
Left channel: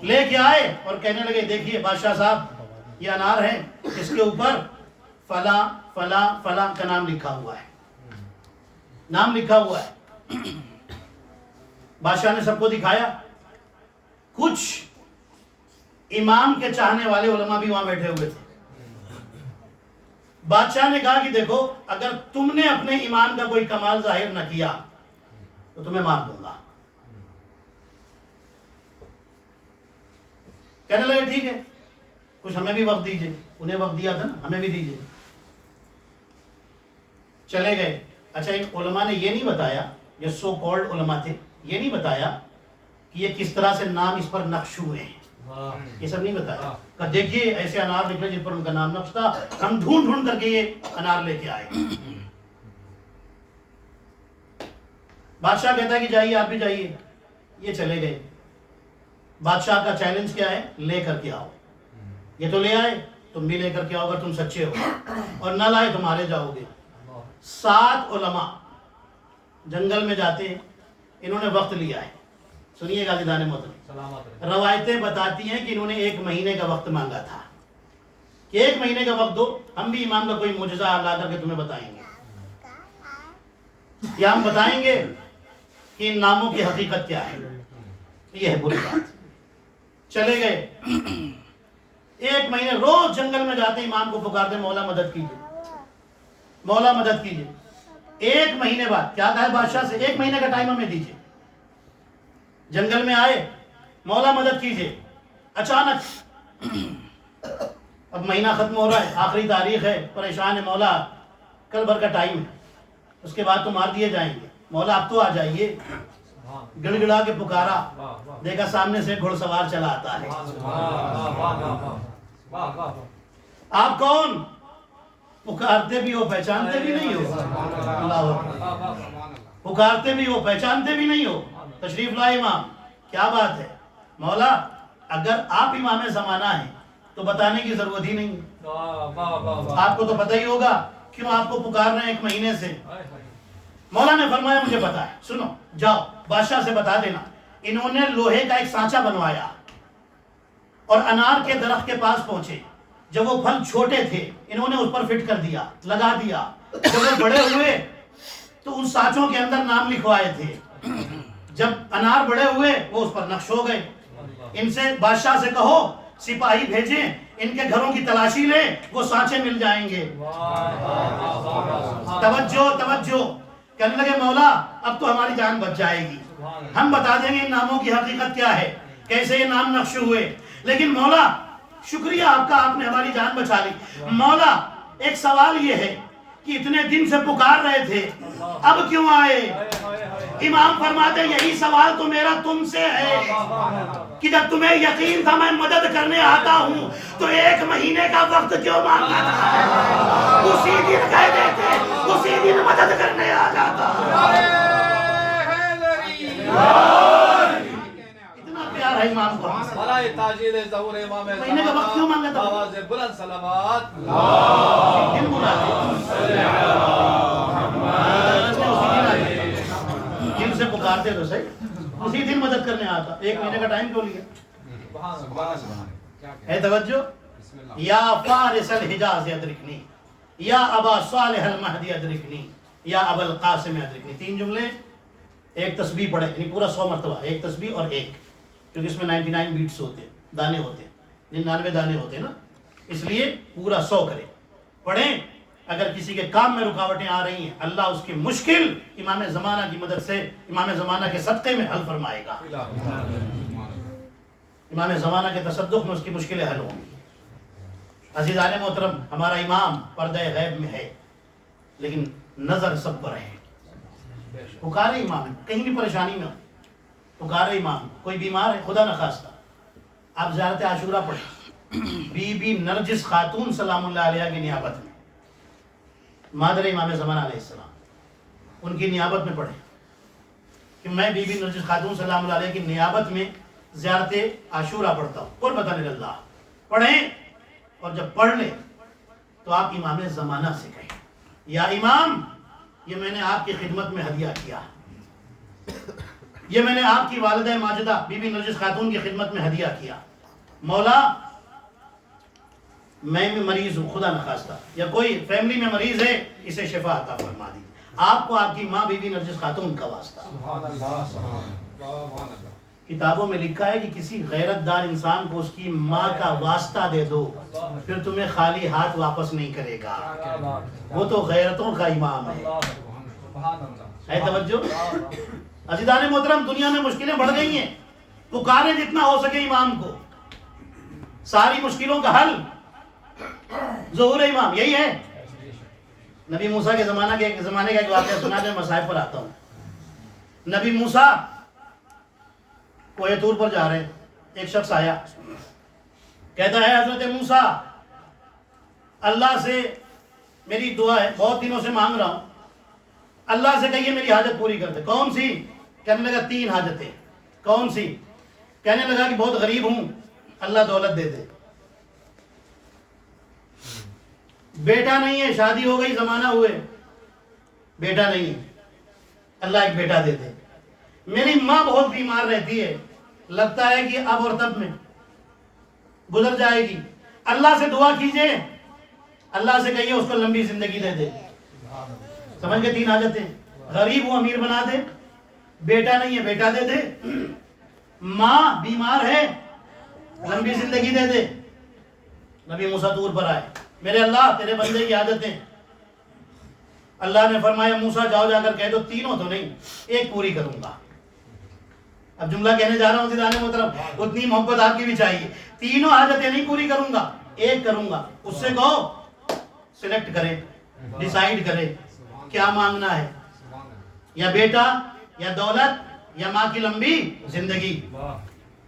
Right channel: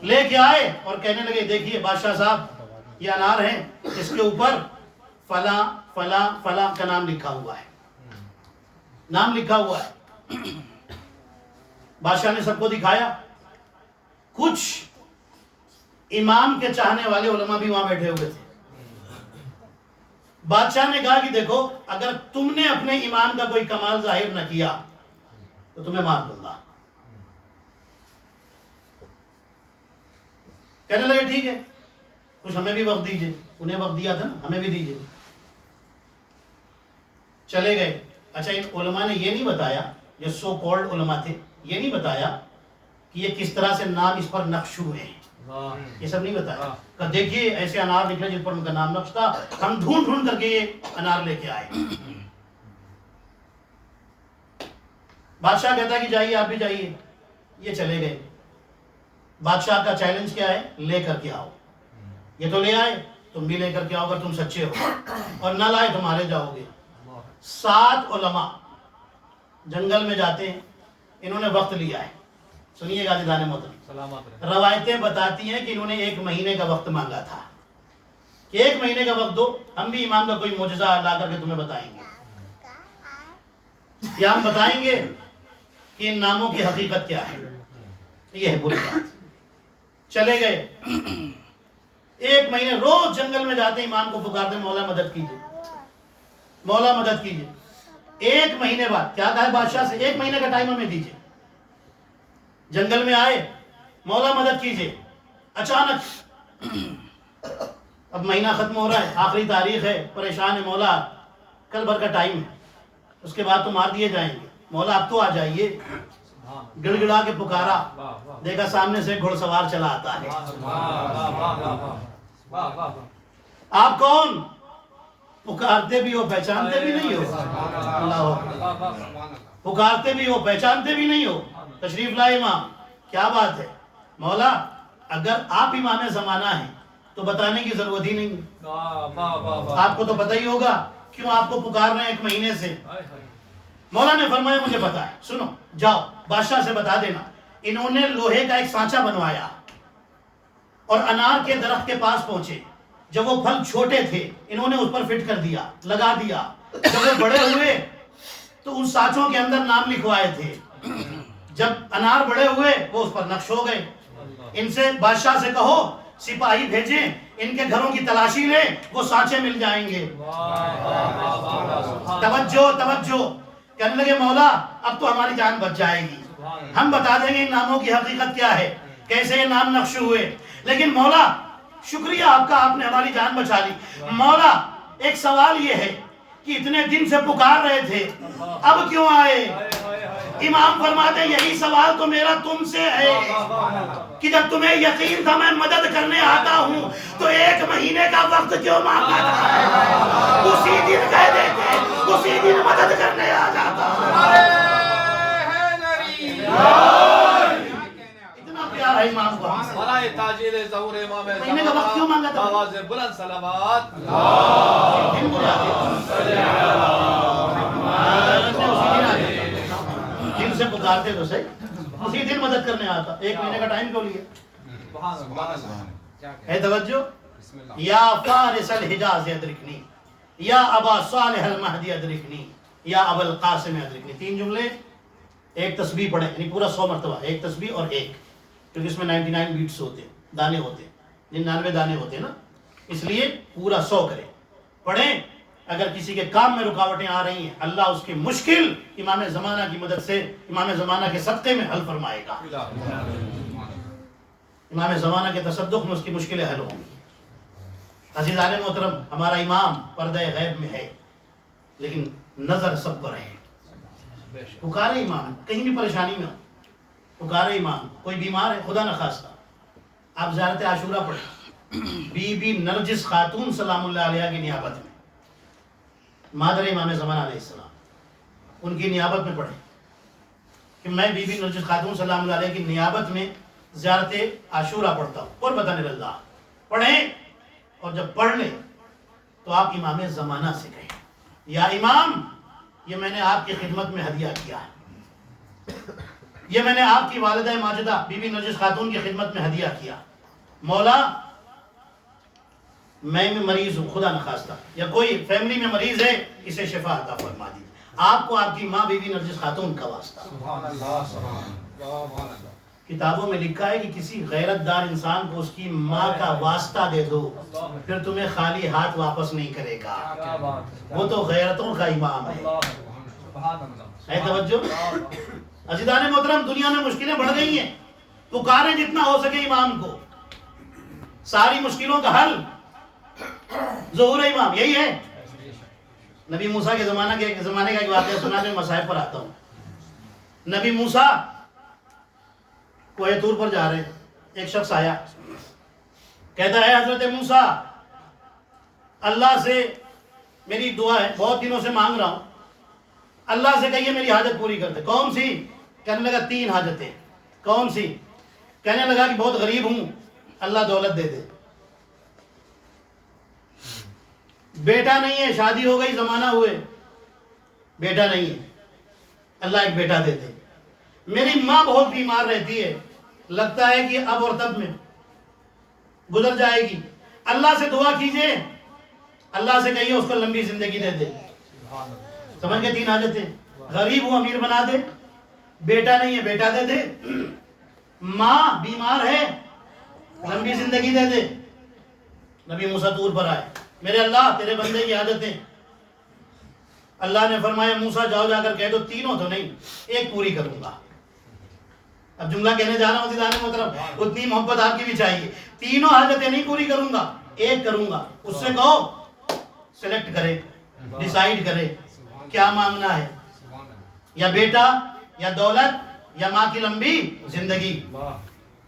لے کے آئے اور کہنے لگے دیکھیے بادشاہ صاحب یہ انار ہے، اس کے اوپر فلاں فلاں فلاں کا نام لکھا ہوا ہے، نام لکھا ہوا ہے۔ بادشاہ نے سب کو دکھایا، کچھ امام کے چاہنے والے علماء بھی وہاں بیٹھے ہوئے تھے۔ بادشاہ نے کہا کہ دیکھو اگر تم نے اپنے امام کا کوئی کمال ظاہر نہ کیا تو تمہیں معاف دوں گا۔ کہنے لگے ٹھیک ہے، کچھ ہمیں بھی وقت دیجئے، انہیں وقت دیا تھا نا، ہمیں بھی دیجئے۔ چلے گئے۔ اچھا، ان علماء نے یہ نہیں بتایا، یہ سو کالڈ علماء تھے، یہ نہیں بتایا کہ یہ کس طرح سے نام اس پر نقش ہوئے ہیں، یہ سب نہیں بتایا۔ کہ دیکھیے ایسے انار نکلے جن پر ان کا نام نقش تھا، ہم ڈھونڈ کر کے یہ انار لے کے آئے۔ بادشاہ کہتا ہے کہ جائیے آپ بھی جائیے. یہ چلے گئے. بادشاہ کا چیلنج کیا ہے؟ لے کر کے آؤ. یہ تو لے آئے, تم بھی لے کر کے آؤ اگر تم سچے ہو, اور نہ لائے تو مارے جاؤ گے. 7 علماء جنگل میں جاتے ہیں. انہوں نے وقت لیا ہے. سنیے گا عزیزان محترم, روایتیں بتاتی ہیں کہ انہوں نے 1 مہینے کا وقت مانگا تھا کہ 1 مہینے کا وقت دو, ہم بھی امام کا کوئی معجزہ لا کر کے تمہیں بتائیں گے, یا ہم بتائیں گے کہ ان ناموں کی حقیقت کیا ہے. یہ ہے بری بات. چلے گئے. 1 مہینے روز جنگل میں جاتے, امام کو پکارتے, مولا مدد کیجیے, مولا مدد کیجیے. 1 مہینے بعد کیا کہا ہے بادشاہ سے, 1 مہینے کا ٹائم ہمیں دیجیے. جنگل میں آئے, مولا مدد کیجیے. اچانک اب مہینہ ختم ہو رہا ہے, آخری تاریخ ہے, پریشان ہے مولا, کل بھر کا ٹائم ہے, اس کے بعد تو مار دیے جائیں گے, مولا اب تو آ جائیے. گڑ گڑا کے پکارا, دیکھا سامنے سے گھڑ سوار چلا آتا ہے. آپ کون؟ پکارتے بھی ہو پہچانتے بھی نہیں ہو. اللہ اکبر. پکارتے بھی ہو پہچانتے بھی نہیں ہو. تشریف لائے امام, کیا بات ہے؟ مولا اگر آپ امام زمانہ ہیں تو بتانے کی ضرورت ہی نہیں. آپ کو تو پتہ ہی ہوگا کیوں آپ کو پکار رہے ہیں 1 مہینے سے. مولا نے فرمایا مجھے پتا ہے, سنو جاؤ بادشاہ سے بتا دینا. انہوں نے لوہے کا ایک سانچہ بنوایا اور انار کے درخت کے پاس پہنچے. جب وہ پھل چھوٹے تھے انہوں نے اس پر فٹ کر دیا, لگا دیا. جب وہ بڑے ہوئے تو ان سانچوں کے اندر نام لکھوائے تھے. جب انار بڑے ہوئے وہ اس پر نقش ہو گئے. ان سے بادشاہ سے کہو سپاہی بھیجیں, ان کے گھروں کی تلاشی لیں, وہ سانچے مل جائیں گے. توجہ توجہ. کہنے لگے مولا اب تو ہماری جان بچ جائے گی, ہم بتا دیں گے ان ناموں کی حقیقت کیا ہے, کیسے یہ نام نقش ہوئے. لیکن مولا شکریہ آپ کا, آپ نے ہماری جان بچا لی. مولا ایک سوال یہ ہے کہ اتنے دن سے پکار رہے تھے, اب کیوں آئے؟ امام فرماتے یہی سوال تو میرا تم سے ہے کہ جب تمہیں یقین تھا میں مدد کرنے آتا ہوں تو 1 مہینے کا وقت کیوں مانگا تھا؟ اسی دن کہہ دیتے, اسی دن مدد کرنے آ جاتا. اتنا پیار ہے امام کو. مہینے کا وقت کیوں مانگا تھا؟ بلند سلامات. دن بلا دن سے پکارتے تو صحیح, اسی دن مدد کرنے آتا. 1 مہینے کا ٹائم کیوں لیا؟ ہے توجہ. یا فارس الحجاز ادرکنی, یا ابا صالح المہدی ادرکنی, یا ابا القاسم ادرکنی. 3 جملے, ایک تسبیح پڑھیں, یعنی پورا 100 مرتبہ, ایک تسبیح اور ایک, کیونکہ اس میں 99 بیٹس ہوتے ہیں, دانے ہوتے ہیں, 99 دانے ہوتے ہیں نا, اس لیے پورا 100 کریں, پڑھیں. اگر کسی کے کام میں رکاوٹیں آ رہی ہیں اللہ اس کی مشکل امام زمانہ کی مدد سے, امام زمانہ کے صدقے میں حل فرمائے گا. امام زمانہ کے تصدق میں اس کی مشکلیں حل ہوں گی. عزیزان محترم, ہمارا امام پردہ غیب میں ہے لیکن نظر سب پر ہے. پکارے امام, کہیں بھی پریشانی میں ہو, پکارے امام. کوئی بیمار ہے خدا نخواستہ, آپ زیارت عاشورہ پڑھیں, بی بی نرجس خاتون سلام اللہ علیہ کی نیابت میں, مادر امام زمانہ علیہ السلام, ان کی نیابت میں پڑھیں کہ میں بی بی نرجس خاتون سلام اللہ علیہ کی نیابت میں زیارت عاشورہ پڑھتا ہوں. قربۃ للہ پڑھیں, اور جب پڑھ لیں تو آپ امام زمانہ سے کہیں یا امام یہ میں نے آپ کی خدمت میں ہدیہ کیا, یہ میں نے آپ کی والدہ ماجدہ بی بی نرجس خاتون کی خدمت میں ہدیہ کیا. مولا میں بھی مریض ہوں خدا نخواستہ, یا کوئی فیملی میں مریض ہے اسے شفا عطا فرما دیجیے. آپ کو آپ کی ماں بی بی نرجس خاتون کا واسطہ. کتابوں میں لکھا ہے کہ کسی غیرت دار انسان کو اس کی ماں کا واسطہ دے دو, پھر تمہیں خالی ہاتھ واپس نہیں کرے گا. وہ تو غیرتوں کا امام ہے. ہے توجہ. عزیزان محترم, دنیا میں مشکلیں بڑھ گئی ہیں, پکاریں جتنا ہو سکے امام کو, ساری مشکلوں کا حل ظہور امام. یہی ہے. نبی موسیٰ کے زمانے کا ایک واقعہ سنا جو مصائب پر آتا ہوں. نبی موسیٰ کوہ طور پر جا رہے, ایک شخص آیا, کہتا ہے حضرت موسیٰ اللہ سے میری دعا ہے, بہت دنوں سے مانگ رہا ہوں, اللہ سے کہیے میری حاجت پوری کر دے. کون سی؟ کہنے لگا 3 حاجتیں. کون سی؟ کہنے لگا کہ بہت غریب ہوں, اللہ دولت دے دے. بیٹا نہیں ہے, شادی ہو گئی, زمانہ ہوئے, بیٹا نہیں ہے, اللہ ایک بیٹا دے دے. میری ماں بہت بیمار رہتی ہے, لگتا ہے کہ اب اور تب میں گزر جائے گی, اللہ سے دعا کیجئے, اللہ سے کہیے اس کو لمبی زندگی دے دے. سمجھ گئے 3 حاجتیں. غریب ہوں, امیر بنا دے. بیٹا نہیں ہے, بیٹا دے دے. ماں بیمار ہے, لمبی زندگی دے دے. نبی موسیٰ طور پر آئے, میرے اللہ تیرے بندے کی حاجتیں. اللہ نے فرمایا موسیٰ جاؤ جا کر کہہ دو, تینوں تو نہیں, ایک پوری کروں گا. اب جملہ کہنے جا رہا ہوں زیدانے محترم, اتنی محبت آپ کی بھی چاہیے. تینوں حاجتیں نہیں پوری کروں گا, ایک کروں گا. اس سے کہو سلیکٹ کرے, ڈیسائیڈ کرے کیا مانگنا ہے, یا بیٹا, یا دولت, یا ماں کی لمبی زندگی.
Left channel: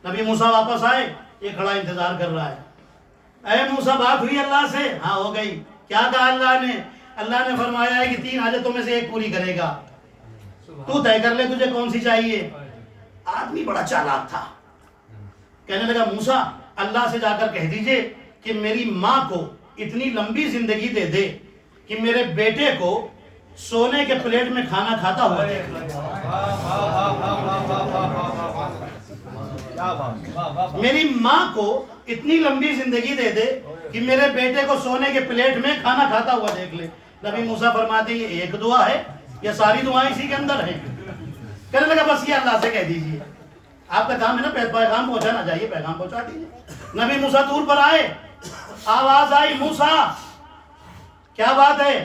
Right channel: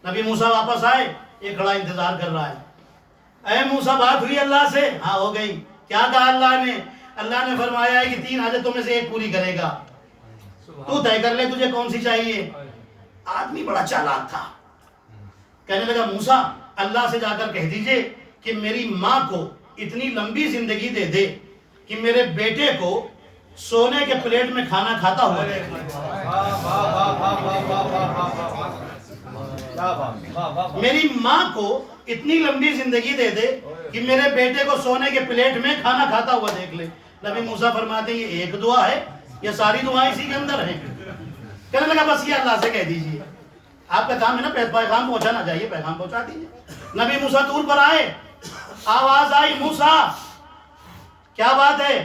نبی موسیٰ واپس آئے, یہ کھڑا انتظار کر رہا ہے. اے موسیٰ بات ہوئی اللہ سے؟ ہاں ہو گئی. کیا کہا اللہ نے؟ اللہ نے فرمایا ہے کہ 3 حاجتوں میں سے ایک پوری کرے گا, تو طے کر لے تجھے کون سی چاہیے. آدمی بڑا چالاک تھا, کہنے لگا موسیٰ اللہ سے جا کر کہہ دیجئے کہ میری ماں کو اتنی لمبی زندگی دے دے کہ میرے بیٹے کو سونے کے پلیٹ میں کھانا کھاتا ہوا دیکھ لے. میری ماں کو اتنی لمبی زندگی دے دے کہ میرے بیٹے کو سونے کے پلیٹ میں کھانا کھاتا ہوا دیکھ لے. نبی موسیٰ فرماتے ہیں یہ ایک دعا ہے یا ساری دعائیں اسی کے اندر ہیں؟ کہنے لگا بس یہ اللہ سے کہہ دیجئے. آپ کا کام ہے نا پیغام پہنچانا, چاہیے پیغام پہنچا دیجئے. نبی موسیٰ طور پر آئے, آواز آئی موسیٰ کیا بات ہے؟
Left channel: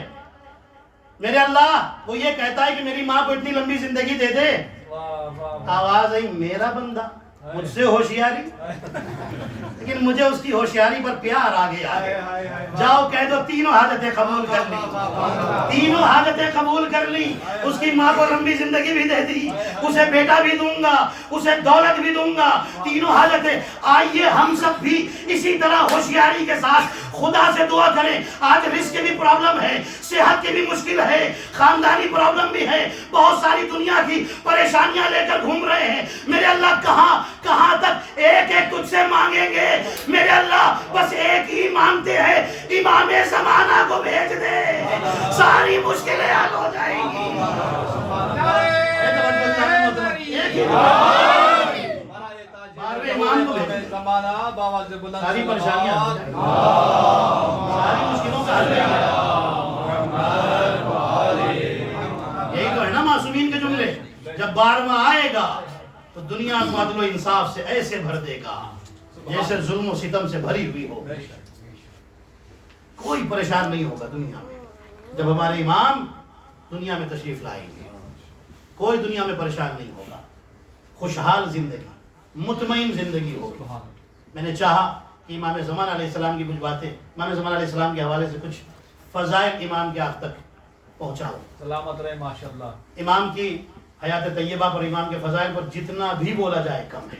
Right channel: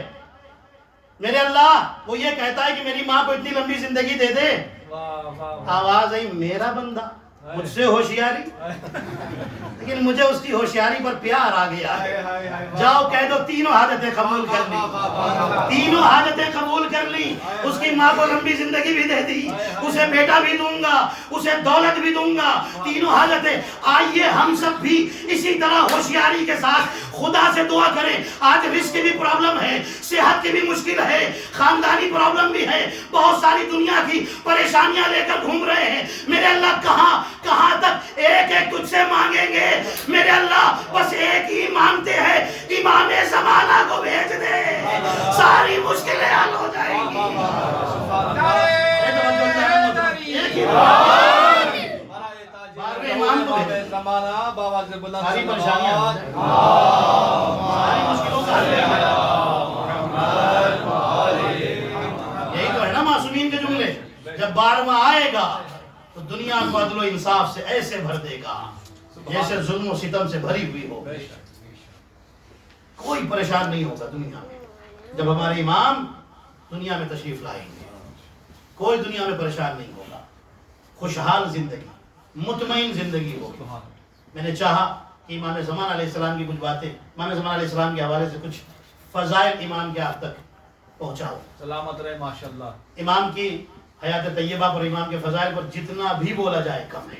میرے اللہ وہ یہ کہتا ہے کہ میری ماں کو اتنی لمبی زندگی دے دے. آواز آئی میرا بندہ, مجھ سے ہوشیاری, لیکن مجھے اس کی ہوشیاری پر پیار آ گیا ہے. جاؤ کہہ دو تینوں حاجتیں قبول کر لی, تینوں حاجتیں قبول کر لی. اس کی ماں کو لمبی زندگی بھی دے دی, اسے بیٹا بھی دوں گا, اسے دولت بھی دوں گا, تینوں حاجتیں. آئیے ہم سب بھی اسی طرح ہوشیاری کے ساتھ خدا سے دعا کریں. آج رزق کی بھی پرابلم ہے, صحت کی بھی مشکل ہے, خاندانی پرابلم بھی ہے, بہت ساری دنیا کی پریشانیاں لے کر گھوم رہے ہیں. میرے اللہ کہاں تک ایک ایک تجھ سے مانگیں گے؟ میرے اللہ بس ایک ہی مانگتے ہیں, امام زمانہ کو بھیج دے, ساری مشکلیں حل ہو جائیں گی. امام کو بھیج دے, ساری پریشانیاں, ساری مشکلوں کا حل ہے. یہی تو ہے نا معصومین کے جملے. جب 12واں آئے گا تو دنیا کو عدل و انصاف سے ایسے بھر دے گا جیسے ظلم و ستم سے بھری ہوئی ہو. کوئی پریشان نہیں ہوگا دنیا میں. جب ہمارے امام دنیا میں تشریف لائیں گے کوئی دنیا میں پریشان نہیں ہوگا. خوشحال زندگی, مطمئن زندگی ہوگی. میں نے چاہا کہ امام زمان علیہ السلام کی کچھ باتیں, امام زمان علیہ السلام کے حوالے سے کچھ فضائل امام کے آپ تک پہنچاؤ. سلامت رہے ماشاءاللہ. امام کی حیات طیبہ پر, امام کے فضائل پر جتنا بھی بولا جائے کم ہے,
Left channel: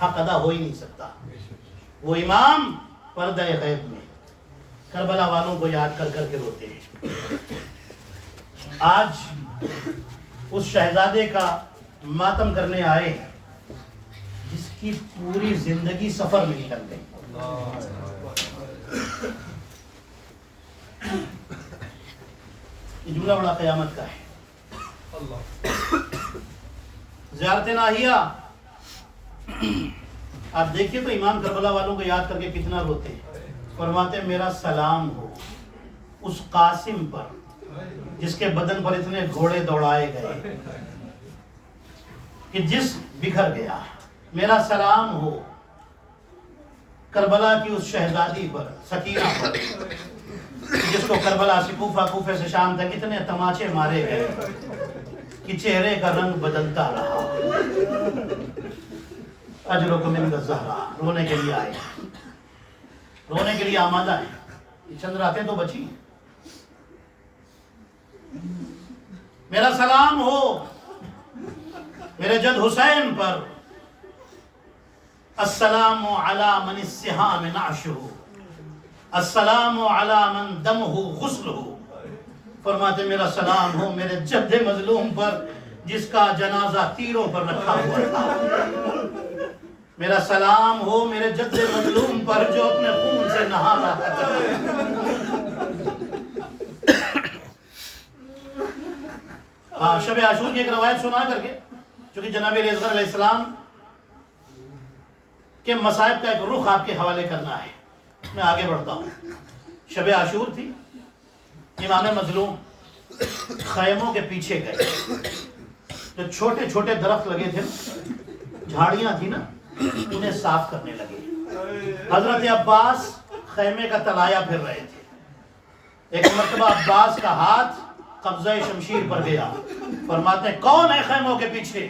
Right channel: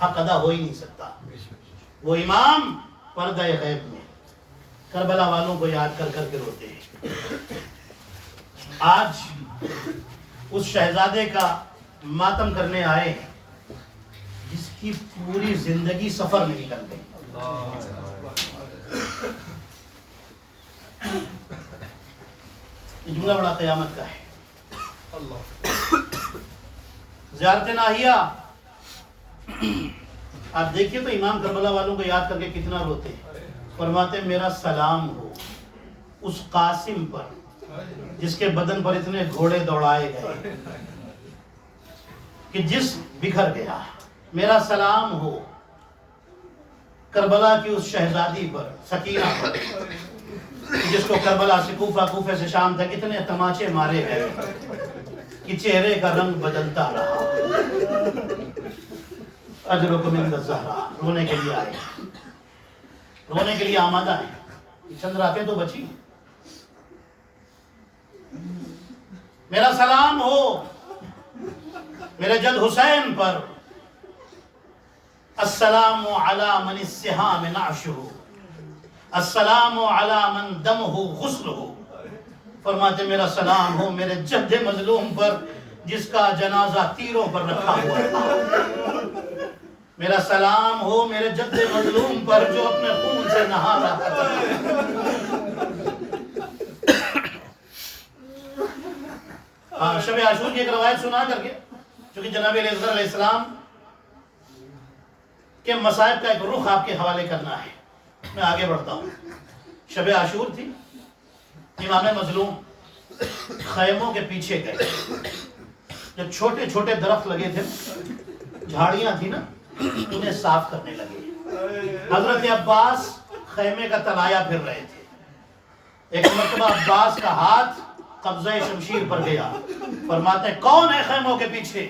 حق ادا ہو ہی نہیں سکتا. وہ امام پردہ غیب میں کربلا والوں کو یاد کر کر کے روتے ہیں. آج اس شہزادے کا ماتم کرنے آئے ہیں جس کی پوری زندگی سفر میں نکل گئی. یہ جملہ بڑا قیامت کا ہے. زیارت ناہیہ آپ دیکھیے تو امام کربلا والوں کو یاد کر کے کتنا روتے ہیں. فرماتے ہیں میرا سلام ہو اس قاسم پر جس کے بدن پر اتنے گھوڑے دوڑائے گئے کہ جس بکھر گیا. میرا سلام ہو کربلا کی اس شہزادی پر, سکینہ پر, جس کو کربلا سے کوفہ, کوفے سے شام تک اتنے تماچے مارے گئے کہ چہرے کا رنگ بدلتا رہا. اجرکم من الزہرا, رونے کے لیے آئے, رونے کے لیے آمادہ ہیں. چند راتیں تو بچی. میرا سلام ہو میرے جد حسین پر. السلام علی من السہام نعشہ, السلام علی من دمہ غسلہ, فرماتے میرا سلام ہو میرے جد مظلوم پر جس کا جنازہ تیروں پر رکھا ہوا تھا، میرا سلام ہو میرے جد مظلوم پر جو اپنے خون سے نہا رہا تھا۔ شب عاشور کی ایک روایت سنا کر کے، چونکہ جناب علیہ السلام کے مصائب کا ایک رخ آپ کے حوالے کرنا ہے، میں آگے بڑھتا ہوں۔ شب عاشور تھی، امام مظلوم خیموں کے پیچھے گئے، جو چھوٹے چھوٹے درخت لگے تھے، جھاڑیاں تھی نا، انہیں صاف کرنے لگے۔ حضرت عباس خیمے کا تلایا پھر رہے تھے، ایک مرتبہ عباس کا ہاتھ قبضہ شمشیر پر گیا، فرماتے ہیں کون ہے خیموں کے پیچھے؟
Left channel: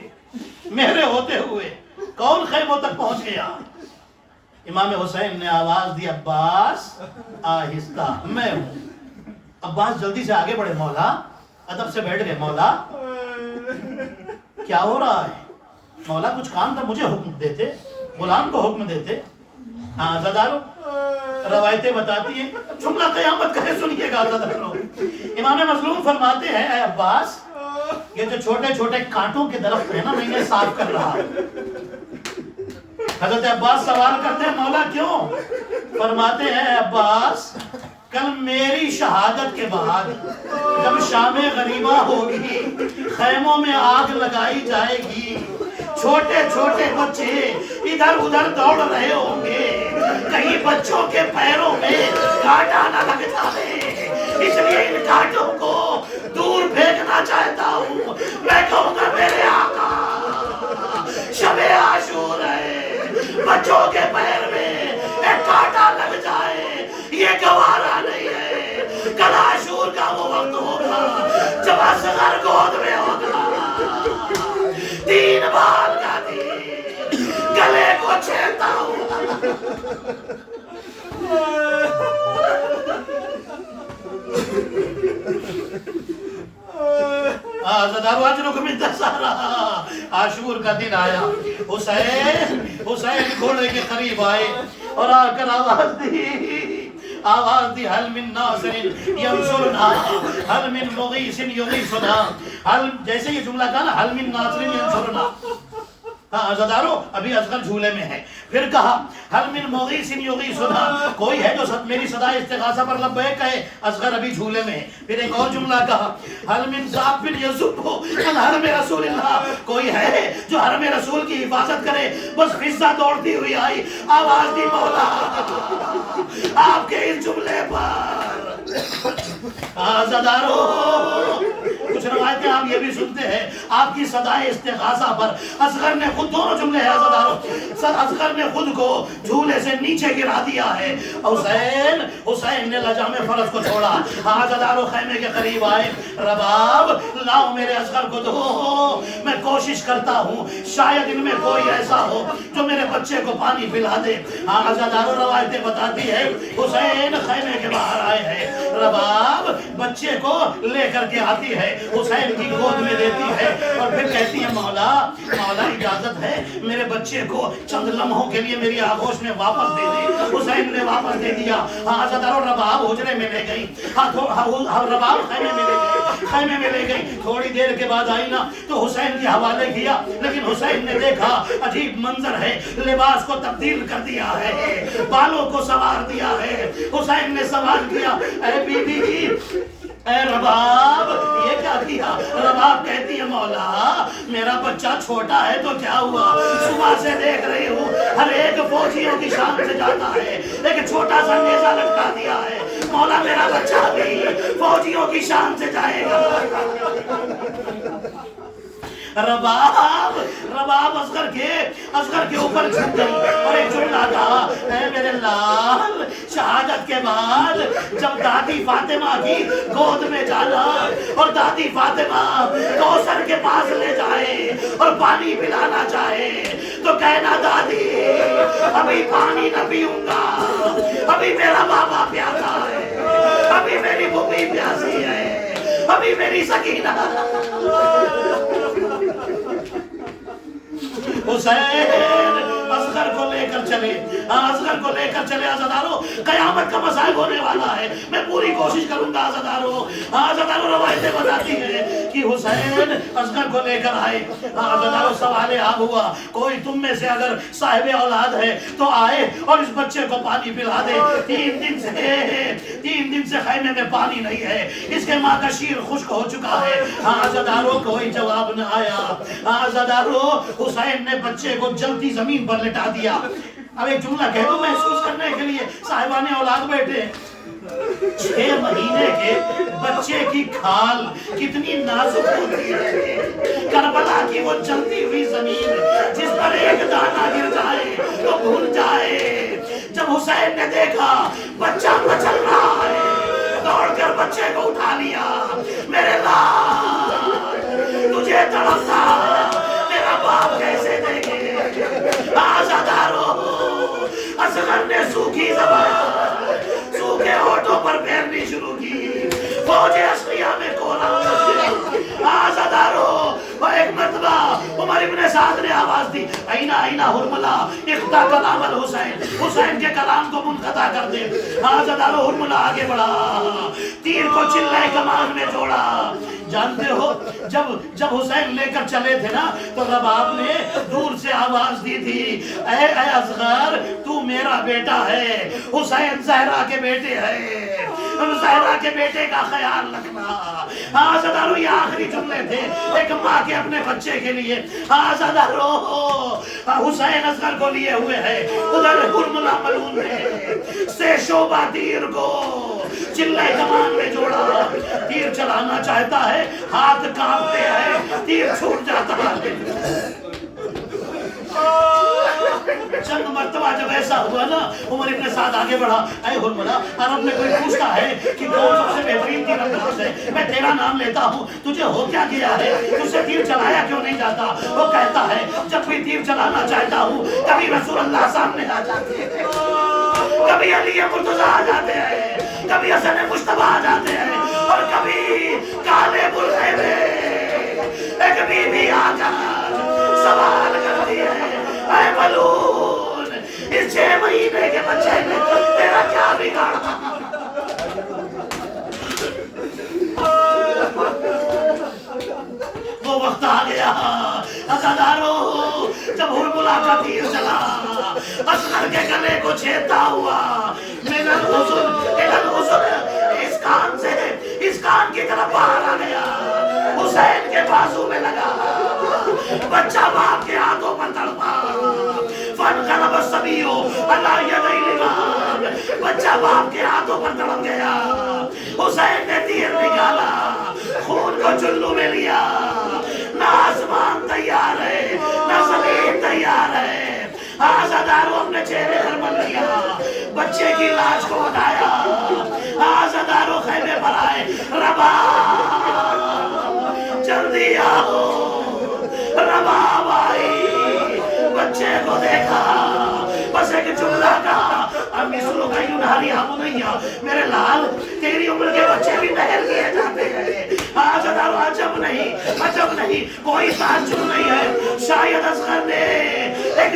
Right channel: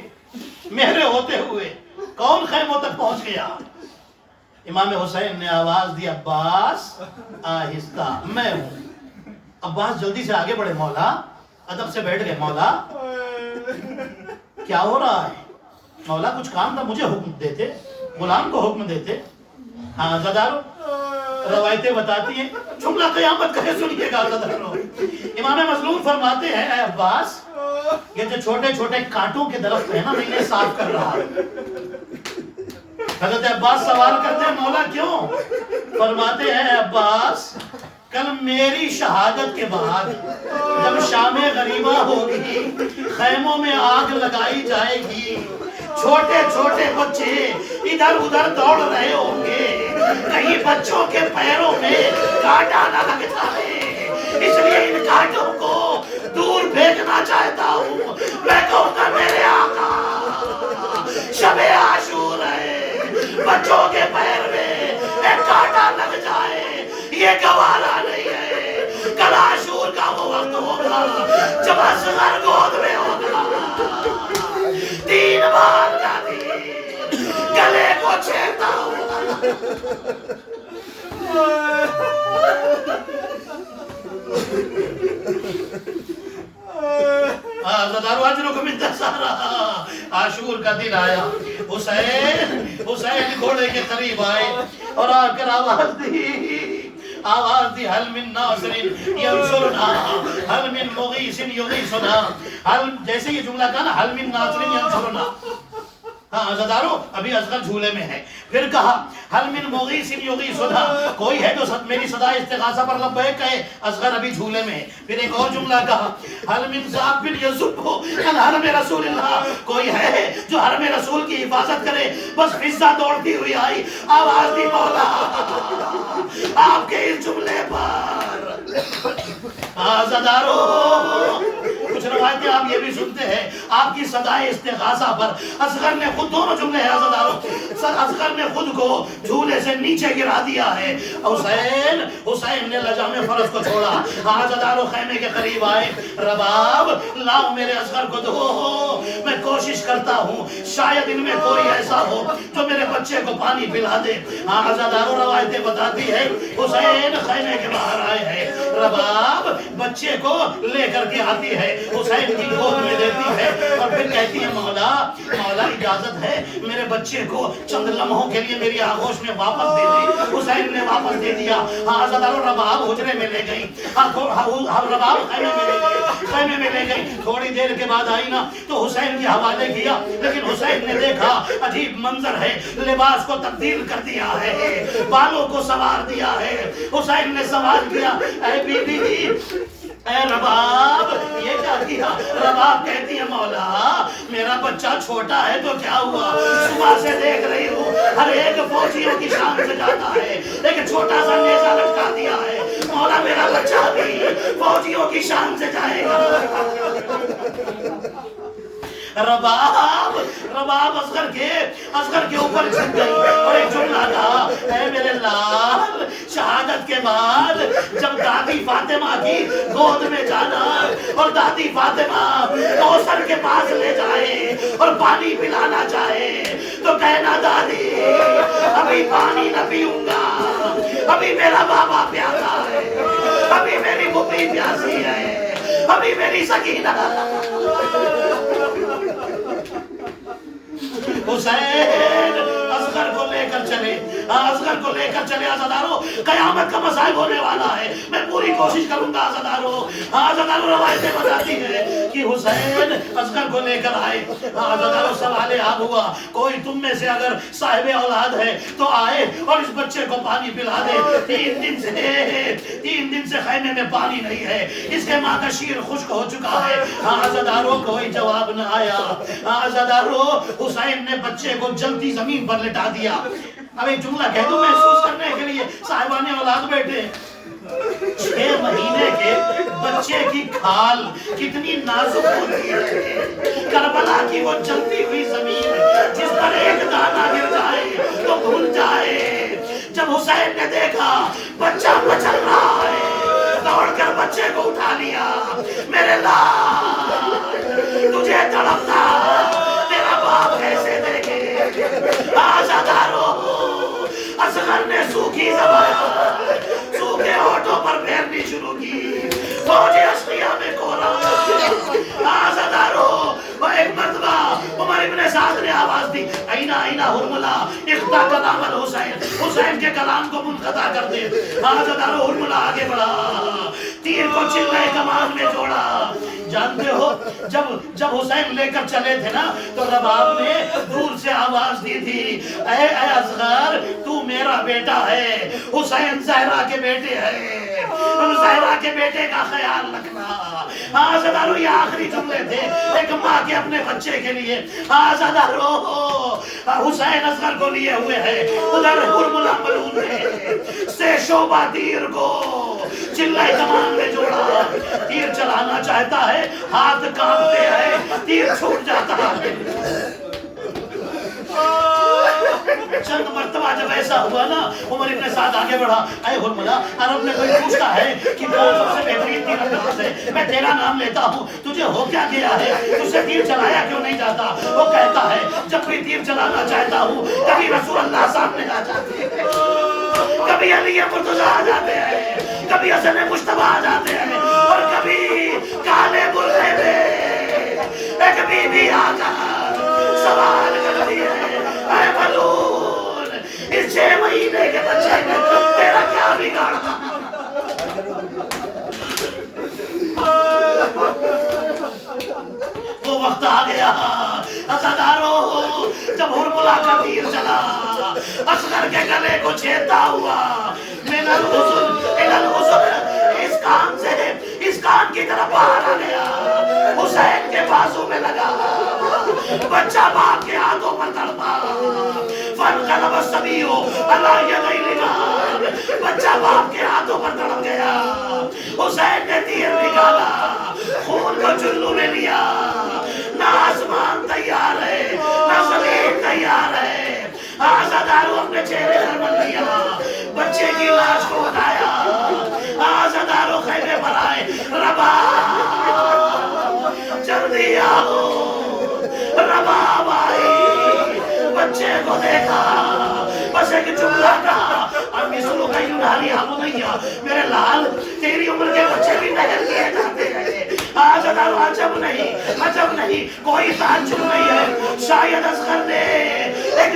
میرے ہوتے ہوئے کون خیموں تک پہنچ گیا؟ امام حسین نے آواز دی عباس آہستہ، میں ہوں۔ عباس جلدی سے آگے بڑھے، مولا ادب سے بیٹھ گئے، مولا کیا ہو رہا ہے؟ مولا کچھ کام تھا، مجھے حکم دیتے، غلام کو حکم دیتے۔ عزادارو روایتیں بتاتی ہیں، جملہ قیامت کا ہے، سنیے گا عزادارو۔ امام مظلوم فرماتے ہیں اے عباس، یہ جو چھوٹے چھوٹے کانٹوں کے درخت ہیں نا، میں انہیں صاف کر رہا ہوں۔ حضرت عباس سوال کرتے ہیں مولا کیوں؟ فرماتے ہیں اے عباس، کل میری شہادت کے بعد جب شام غریبہ ہوگی، خیموں میں آگ لگائی جائے گی، چھوٹے چھوٹے بچے ادھر ادھر دوڑ رہے ہوں گے، کہیں بچوں کے پیروں میں کانٹا نہ لگ جائے، اس لیے ان کانٹوں کو دور پھینکنا چاہتا ہوں۔ میں کہوں گا میرے آقا شب عاشور ہے، بچوں کے پیر میں ایک کانٹا لگ جائے یہ گوارا نہیں ہے۔ کل عاشور کا وہ وقت ہوگا جب اصغر گود میں ہوگا، 3 بار کا دین گلے کو چھیڑتا ہوگا۔ زدارو اجرکم انتصارا، عاشور کا دن آیا، حسین گھوڑے کے قریب آئے اور آ کر آواز دی حل من ناصر ینصرنا، حل من مغیث یغیثنا، جیسے یہ جملہ کہا نا حل من ناصر ینصرنا، عزادارو ابھی اصغر جھولے میں ہے، پھر کہا حل من مغیث یغیثنا، کوئی ہے جو میری صدا استغاثہ پر لبیک کہے، اصغر ابھی جھولے میں ہے۔ پھر ایک اور جملہ کہا حل من ذاب یذب عن حرم رسول اللہ، کوئی ہے جو حرم رسول کی حفاظت کرے۔ بس فضا دوڑتی ہوئی آئی، آواز دی مولا آپ کے اس جملے پر عزادارو کچھ روایتیں آپ یہ بھی سنتے ہیں، آپ کی صدائے استغاثہ پر اصغر نے خود، دونوں جملے ہیں عزادارو، اصغر نے خود کو جھولے سے نیچے گرا دیا ہے۔ حسین نے لجام فرض کو چھوڑا، عزادارو خیمے کے قریب آئے، رباب لاؤ میرے اصغر کو دو، میں کوشش کرتا ہوں شاید ان میں کوئی ایسا ہو جو میرے بچے کو پانی پلا دے۔ عزادارو روایتیں بتاتی ہے حسین خیمے کے باہر آئے ہیں، رباب بچے کو لے کر کے آتی ہے، حسین کی گود میں دیتی ہے اور پھر کہتی ہے مولا اجازت ہے میرے بچے کو چند لمحوں کے لیے میری آغوش میں واپس دے دے۔ حسین نے واپس دے دیا۔ عزادارو رباب حجرے میں لے گئی، رباب خیمے میں لے گئی، تھوڑی دیر کے بعد آئی نا تو حسین کے حوالے کیا، لیکن حسین نے دیکھا عجیب منظر ہے، لباس کو تبدیل کر دیا ہے، بالوں کو سوار دیا ہے۔ حسین نے سوال کیا اے بی بی اے رباب یہ کیا کیا؟ رباب کہتی ہے مولا میرا بچہ چھوٹا ہے تو کیا ہوا، صبح سے دیکھ رہی ہوں ہر ایک فوجیوں کی شان سے جاتا ہے، ایک چھوٹا سا نیزہ لٹکا دیا ہے، مولا میرا بچہ بھی فوجیوں کی شان سے جائے گا۔ رباب اصغر کے اوپر جھک گئی اور ایک جملہ کہا اے میرے لال، شہادت کے بعد جب دادی فاطمہ کی گود میں جانا اور دادی فاطمہ کوثر کے پاس لے جائے اور پانی پلانا چاہے تو کہنا دادی ابھی پانی نہ پیوں گا، ابھی میرا بابا پیاسا ہے، ابھی میری بھوپی پیاسی ہے، ابھی میری سکینہ۔ حسین اصغر کو لے کر کر چلے، اصغر کو لے کر چلے عزادارو، قیامت کا مصائب ہونے والا ہے، میں پوری کوشش کروں گا عزادارو۔ عزادارو روایتیں بتاتی ہیں کہ حسین اصغر کو لے کر آئے، عزادارو سوال آب ہوا کوئی تم میں سے اگر صاحب اولاد ہے تو آئے اور اس بچے کو پانی پلا دے، 3 دن سے خیمے میں پانی نہیں ہے، اس کے ماں کا شیر خشک ہو چکا ہے۔ عزادارو کوئی جواب نہ آیا، عزادارو حسین نے بچے کو جلتی زمین پر لٹا دیا۔ اب ایک جملہ کہہ دوں محسوس کرنے کے لیے، صاحبان اولاد بیٹھے ہیں، 6 مہینے کے بچے کی کھال کتنی نازک ہوتی ہے، کربلا کی وہ جلتی ہوئی زمین جس پر ایک دانہ گر جائے تو بھول جائے۔ جب حسین نے دیکھا بچہ مچل رہا ہے، دوڑ کر بچے کو اٹھا لیا، میرے لال تجھے تڑپتا تیرا باپ کیسے دیکھے۔ عزادارو اصغر نے سوکھی زبان سوکھے ہونٹوں پر پھیرنی شروع کی، فوج اشقیاء میں کوہرام۔ عزادارو وہ ایک مرتبہ عمر ابن سعد نے آواز دی، اینا اینا ہرملا اقطع کلام الحسین، حسین کے کلام کو منقطع کر دے۔ عزادارو ہرملا آگے بڑھا، تیر کو چلے کمان میں جوڑا۔ جانتے ہو جب حسین لے کر چلے تھے نا تو رباب نے دور سے آواز دی تھی، اے اصغر تو میرا بیٹا ہے، حسین زہرا کے بیٹے ہیں، زہرا کے بیٹے کا خیال رکھنا۔ عزادارو یہ آخری جملے تھے ایک ماں کے اپنے بچے کے لیے۔ عزادارو حسین اصغر کو لیے ہوئے ہے، ادھر ہرملا ملعون نے سے شعبہ تیر کو چلے کمان میں جوڑا، تیر چلانا چاہتا ہے، ہاتھ کانپتے ہیں، تیر چھوٹ جاتا ہے۔ چند مرتبہ جب ایسا ہوا نا عمر ابن سعد آگے بڑھا، اے ہرملا عرب میں کوئی پوچھتا ہے کہ کون سب سے بہترین تیر انداز ہے، میں تیرا نام لیتا ہوں، تجھے ہو کیا گیا ہے، تجھ سے تیر چلایا کیوں نہیں جاتا؟ وہ کہتا ہے جب بھی تیر چلانا چاہتا ہوں کبھی رسول اللہ سامنے آ جاتے ہیں، کبھی علی مرتضی آ جاتے ہیں، کبھی حسن مجتبی آ جاتے ہیں، اور کبھی کالے برقعے میں ایک بی بی آ کر سوال کرتی ہے، اے ملعون اس 6 مہینے کے بچے نے تیرا کیا بگاڑا؟ وہ وقت آ گیا عزادارو جب ہرملا کا تیر چلا، اصغر کے گلے کو چھیدتا ہوا، من الحزن الی الحزن، اس کان کی طرف باہر آ گیا، حسین کے بازو میں لگا، بچہ باپ کے ہاتھوں پر تڑپا، فانقلب الصبی علی یدی الرجال، بچہ باپ کے ہاتھوں پر تڑپ گیا۔ حسین نے تیر نکالا، خون کو چلو میں لیا، نہ آسمان تیار ہے نہ زمین تیار ہے۔ عزادارو اپنے چہرے پر مل لیا، بچے کی لاش کو اٹھایا، عزادارو خیمے پر آئے، رباب جلدی آؤ، رباب آئی، بچے کو دیکھا، بس ایک جملہ کہا، امی سلو کا یوناری بنیا، میرے لال تیری عمر کے بچے بھی نہر کیے جاتے ہیں۔ عزادارو عجب نہیں، کوئی تعجب نہیں ہے، شاید اصغر نے ایک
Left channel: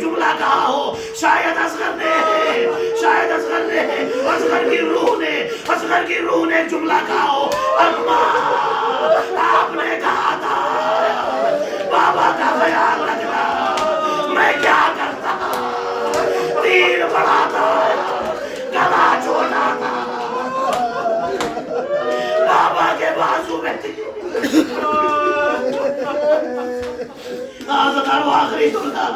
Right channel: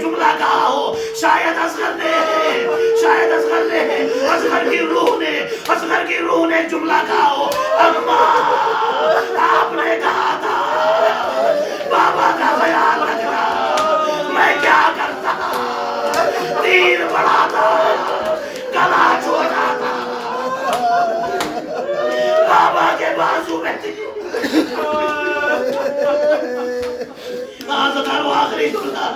جملہ کہا ہو، شاید اصغر نے اصغر کی روح نے ایک جملہ کہا ہو، اماں آپ نے کہا تھا بابا کا خیال رکھنا، میں کیا کرتا، تیر بڑا تھا، گلا چھوٹا تھا، بابا کے بازو میں تھی۔ عزادارو آخری جملہ،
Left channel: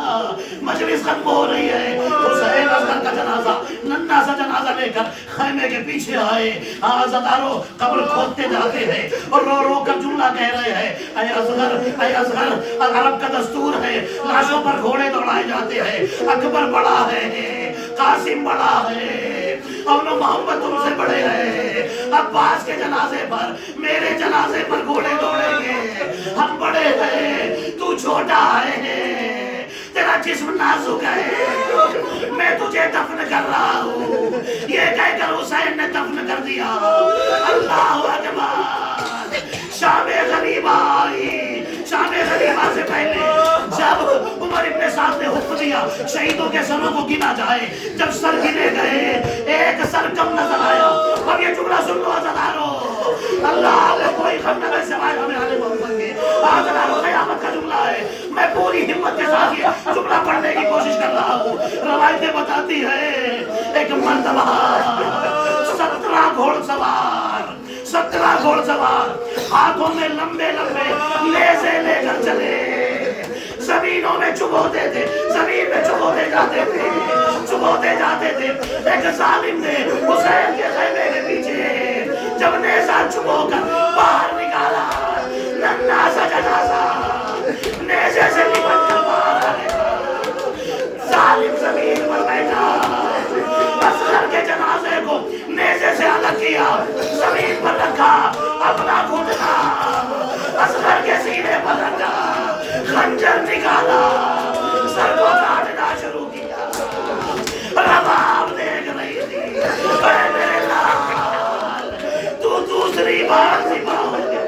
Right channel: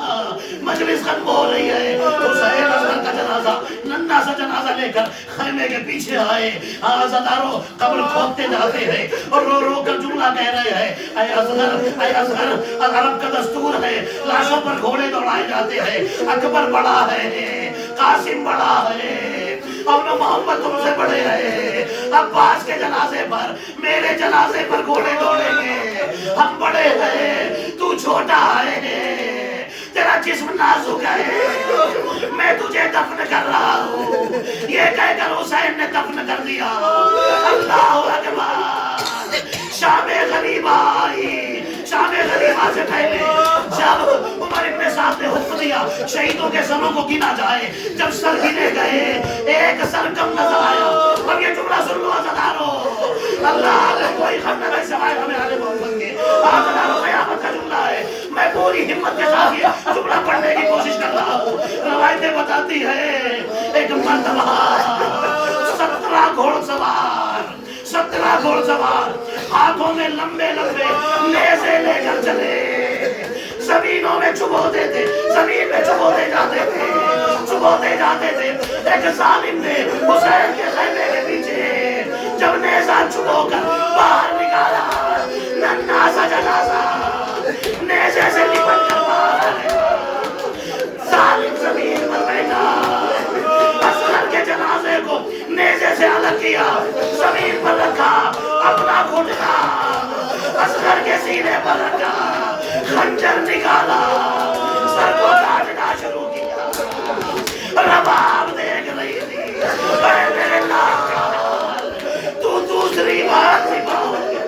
مجلس ختم ہو رہی ہے، حسین اصغر کا جنازہ ننھا سا جنازہ لے کر خیمے کے پیچھے آئے، عزادارو قبر کھودتے جاتے ہیں اور رو رو کر جملہ کہہ رہے ہیں، اے اصغر عرب کا دستور ہے، لاشوں پر گھوڑے دوڑائے جاتے ہیں، اکبر بڑا ہے، قاسم بڑا ہے، اور محمد تم سے بڑے ہیں، عباس کے جنازے پر میرے جنازے پر گھوڑے دوڑیں گے، ہم بڑے ہیں تو چھوٹا ہے، تیرا جسم نازک ہے، میں تجھے دفن کر رہا ہوں، یہ کہہ کر حسین نے دفن کر دیا۔ اللہ اکبر، شام غریبہ آئی، شام غریبہ سے پہلے اب عمر ابن سعد نے حکم دیا شہیدوں کے سروں کو گنا جائے. جب سر گنے گئے ایک سر کم نظر آیا. اب یہ جملہ سن لو عزادارو, اللہ کو کوئی غم نہ کرے سوائے ہمیں آل محمد کے. عزادارو قیامت کا جملہ ہے. میں پوری ہمت کے ساتھ یہ جملہ پڑھنے کی کوشش کر رہا ہوں. روایتیں بتاتی ہے ایک مرتبہ 17 گھوڑ سوار ہاتھوں میں لمبے لمبے نیزے لے کر چلے. زمینوں میں چبوتے تھے, زمین میں چبوتے جاتے تھے. ایک ظالم نے حسین کے خیمے کے پیچھے جب نیزہ چبو کر باہر نکالا, ننھا سا جنازہ نیزے سے لپٹ کر باہر آ گیا. ظالم زمین پر بیٹھا, اصغر کے جنازے کو نیزے سے الگ کیا, زمین پر رکھا, اپنا گھٹنا اصغر کے سینے پر رکھا, خنجر نکالا, سر کو کاٹنا شروع کیا. رباب دیکھ رہی تھی, اے میرے لال تو دوسری بار ذبح ہو گیا.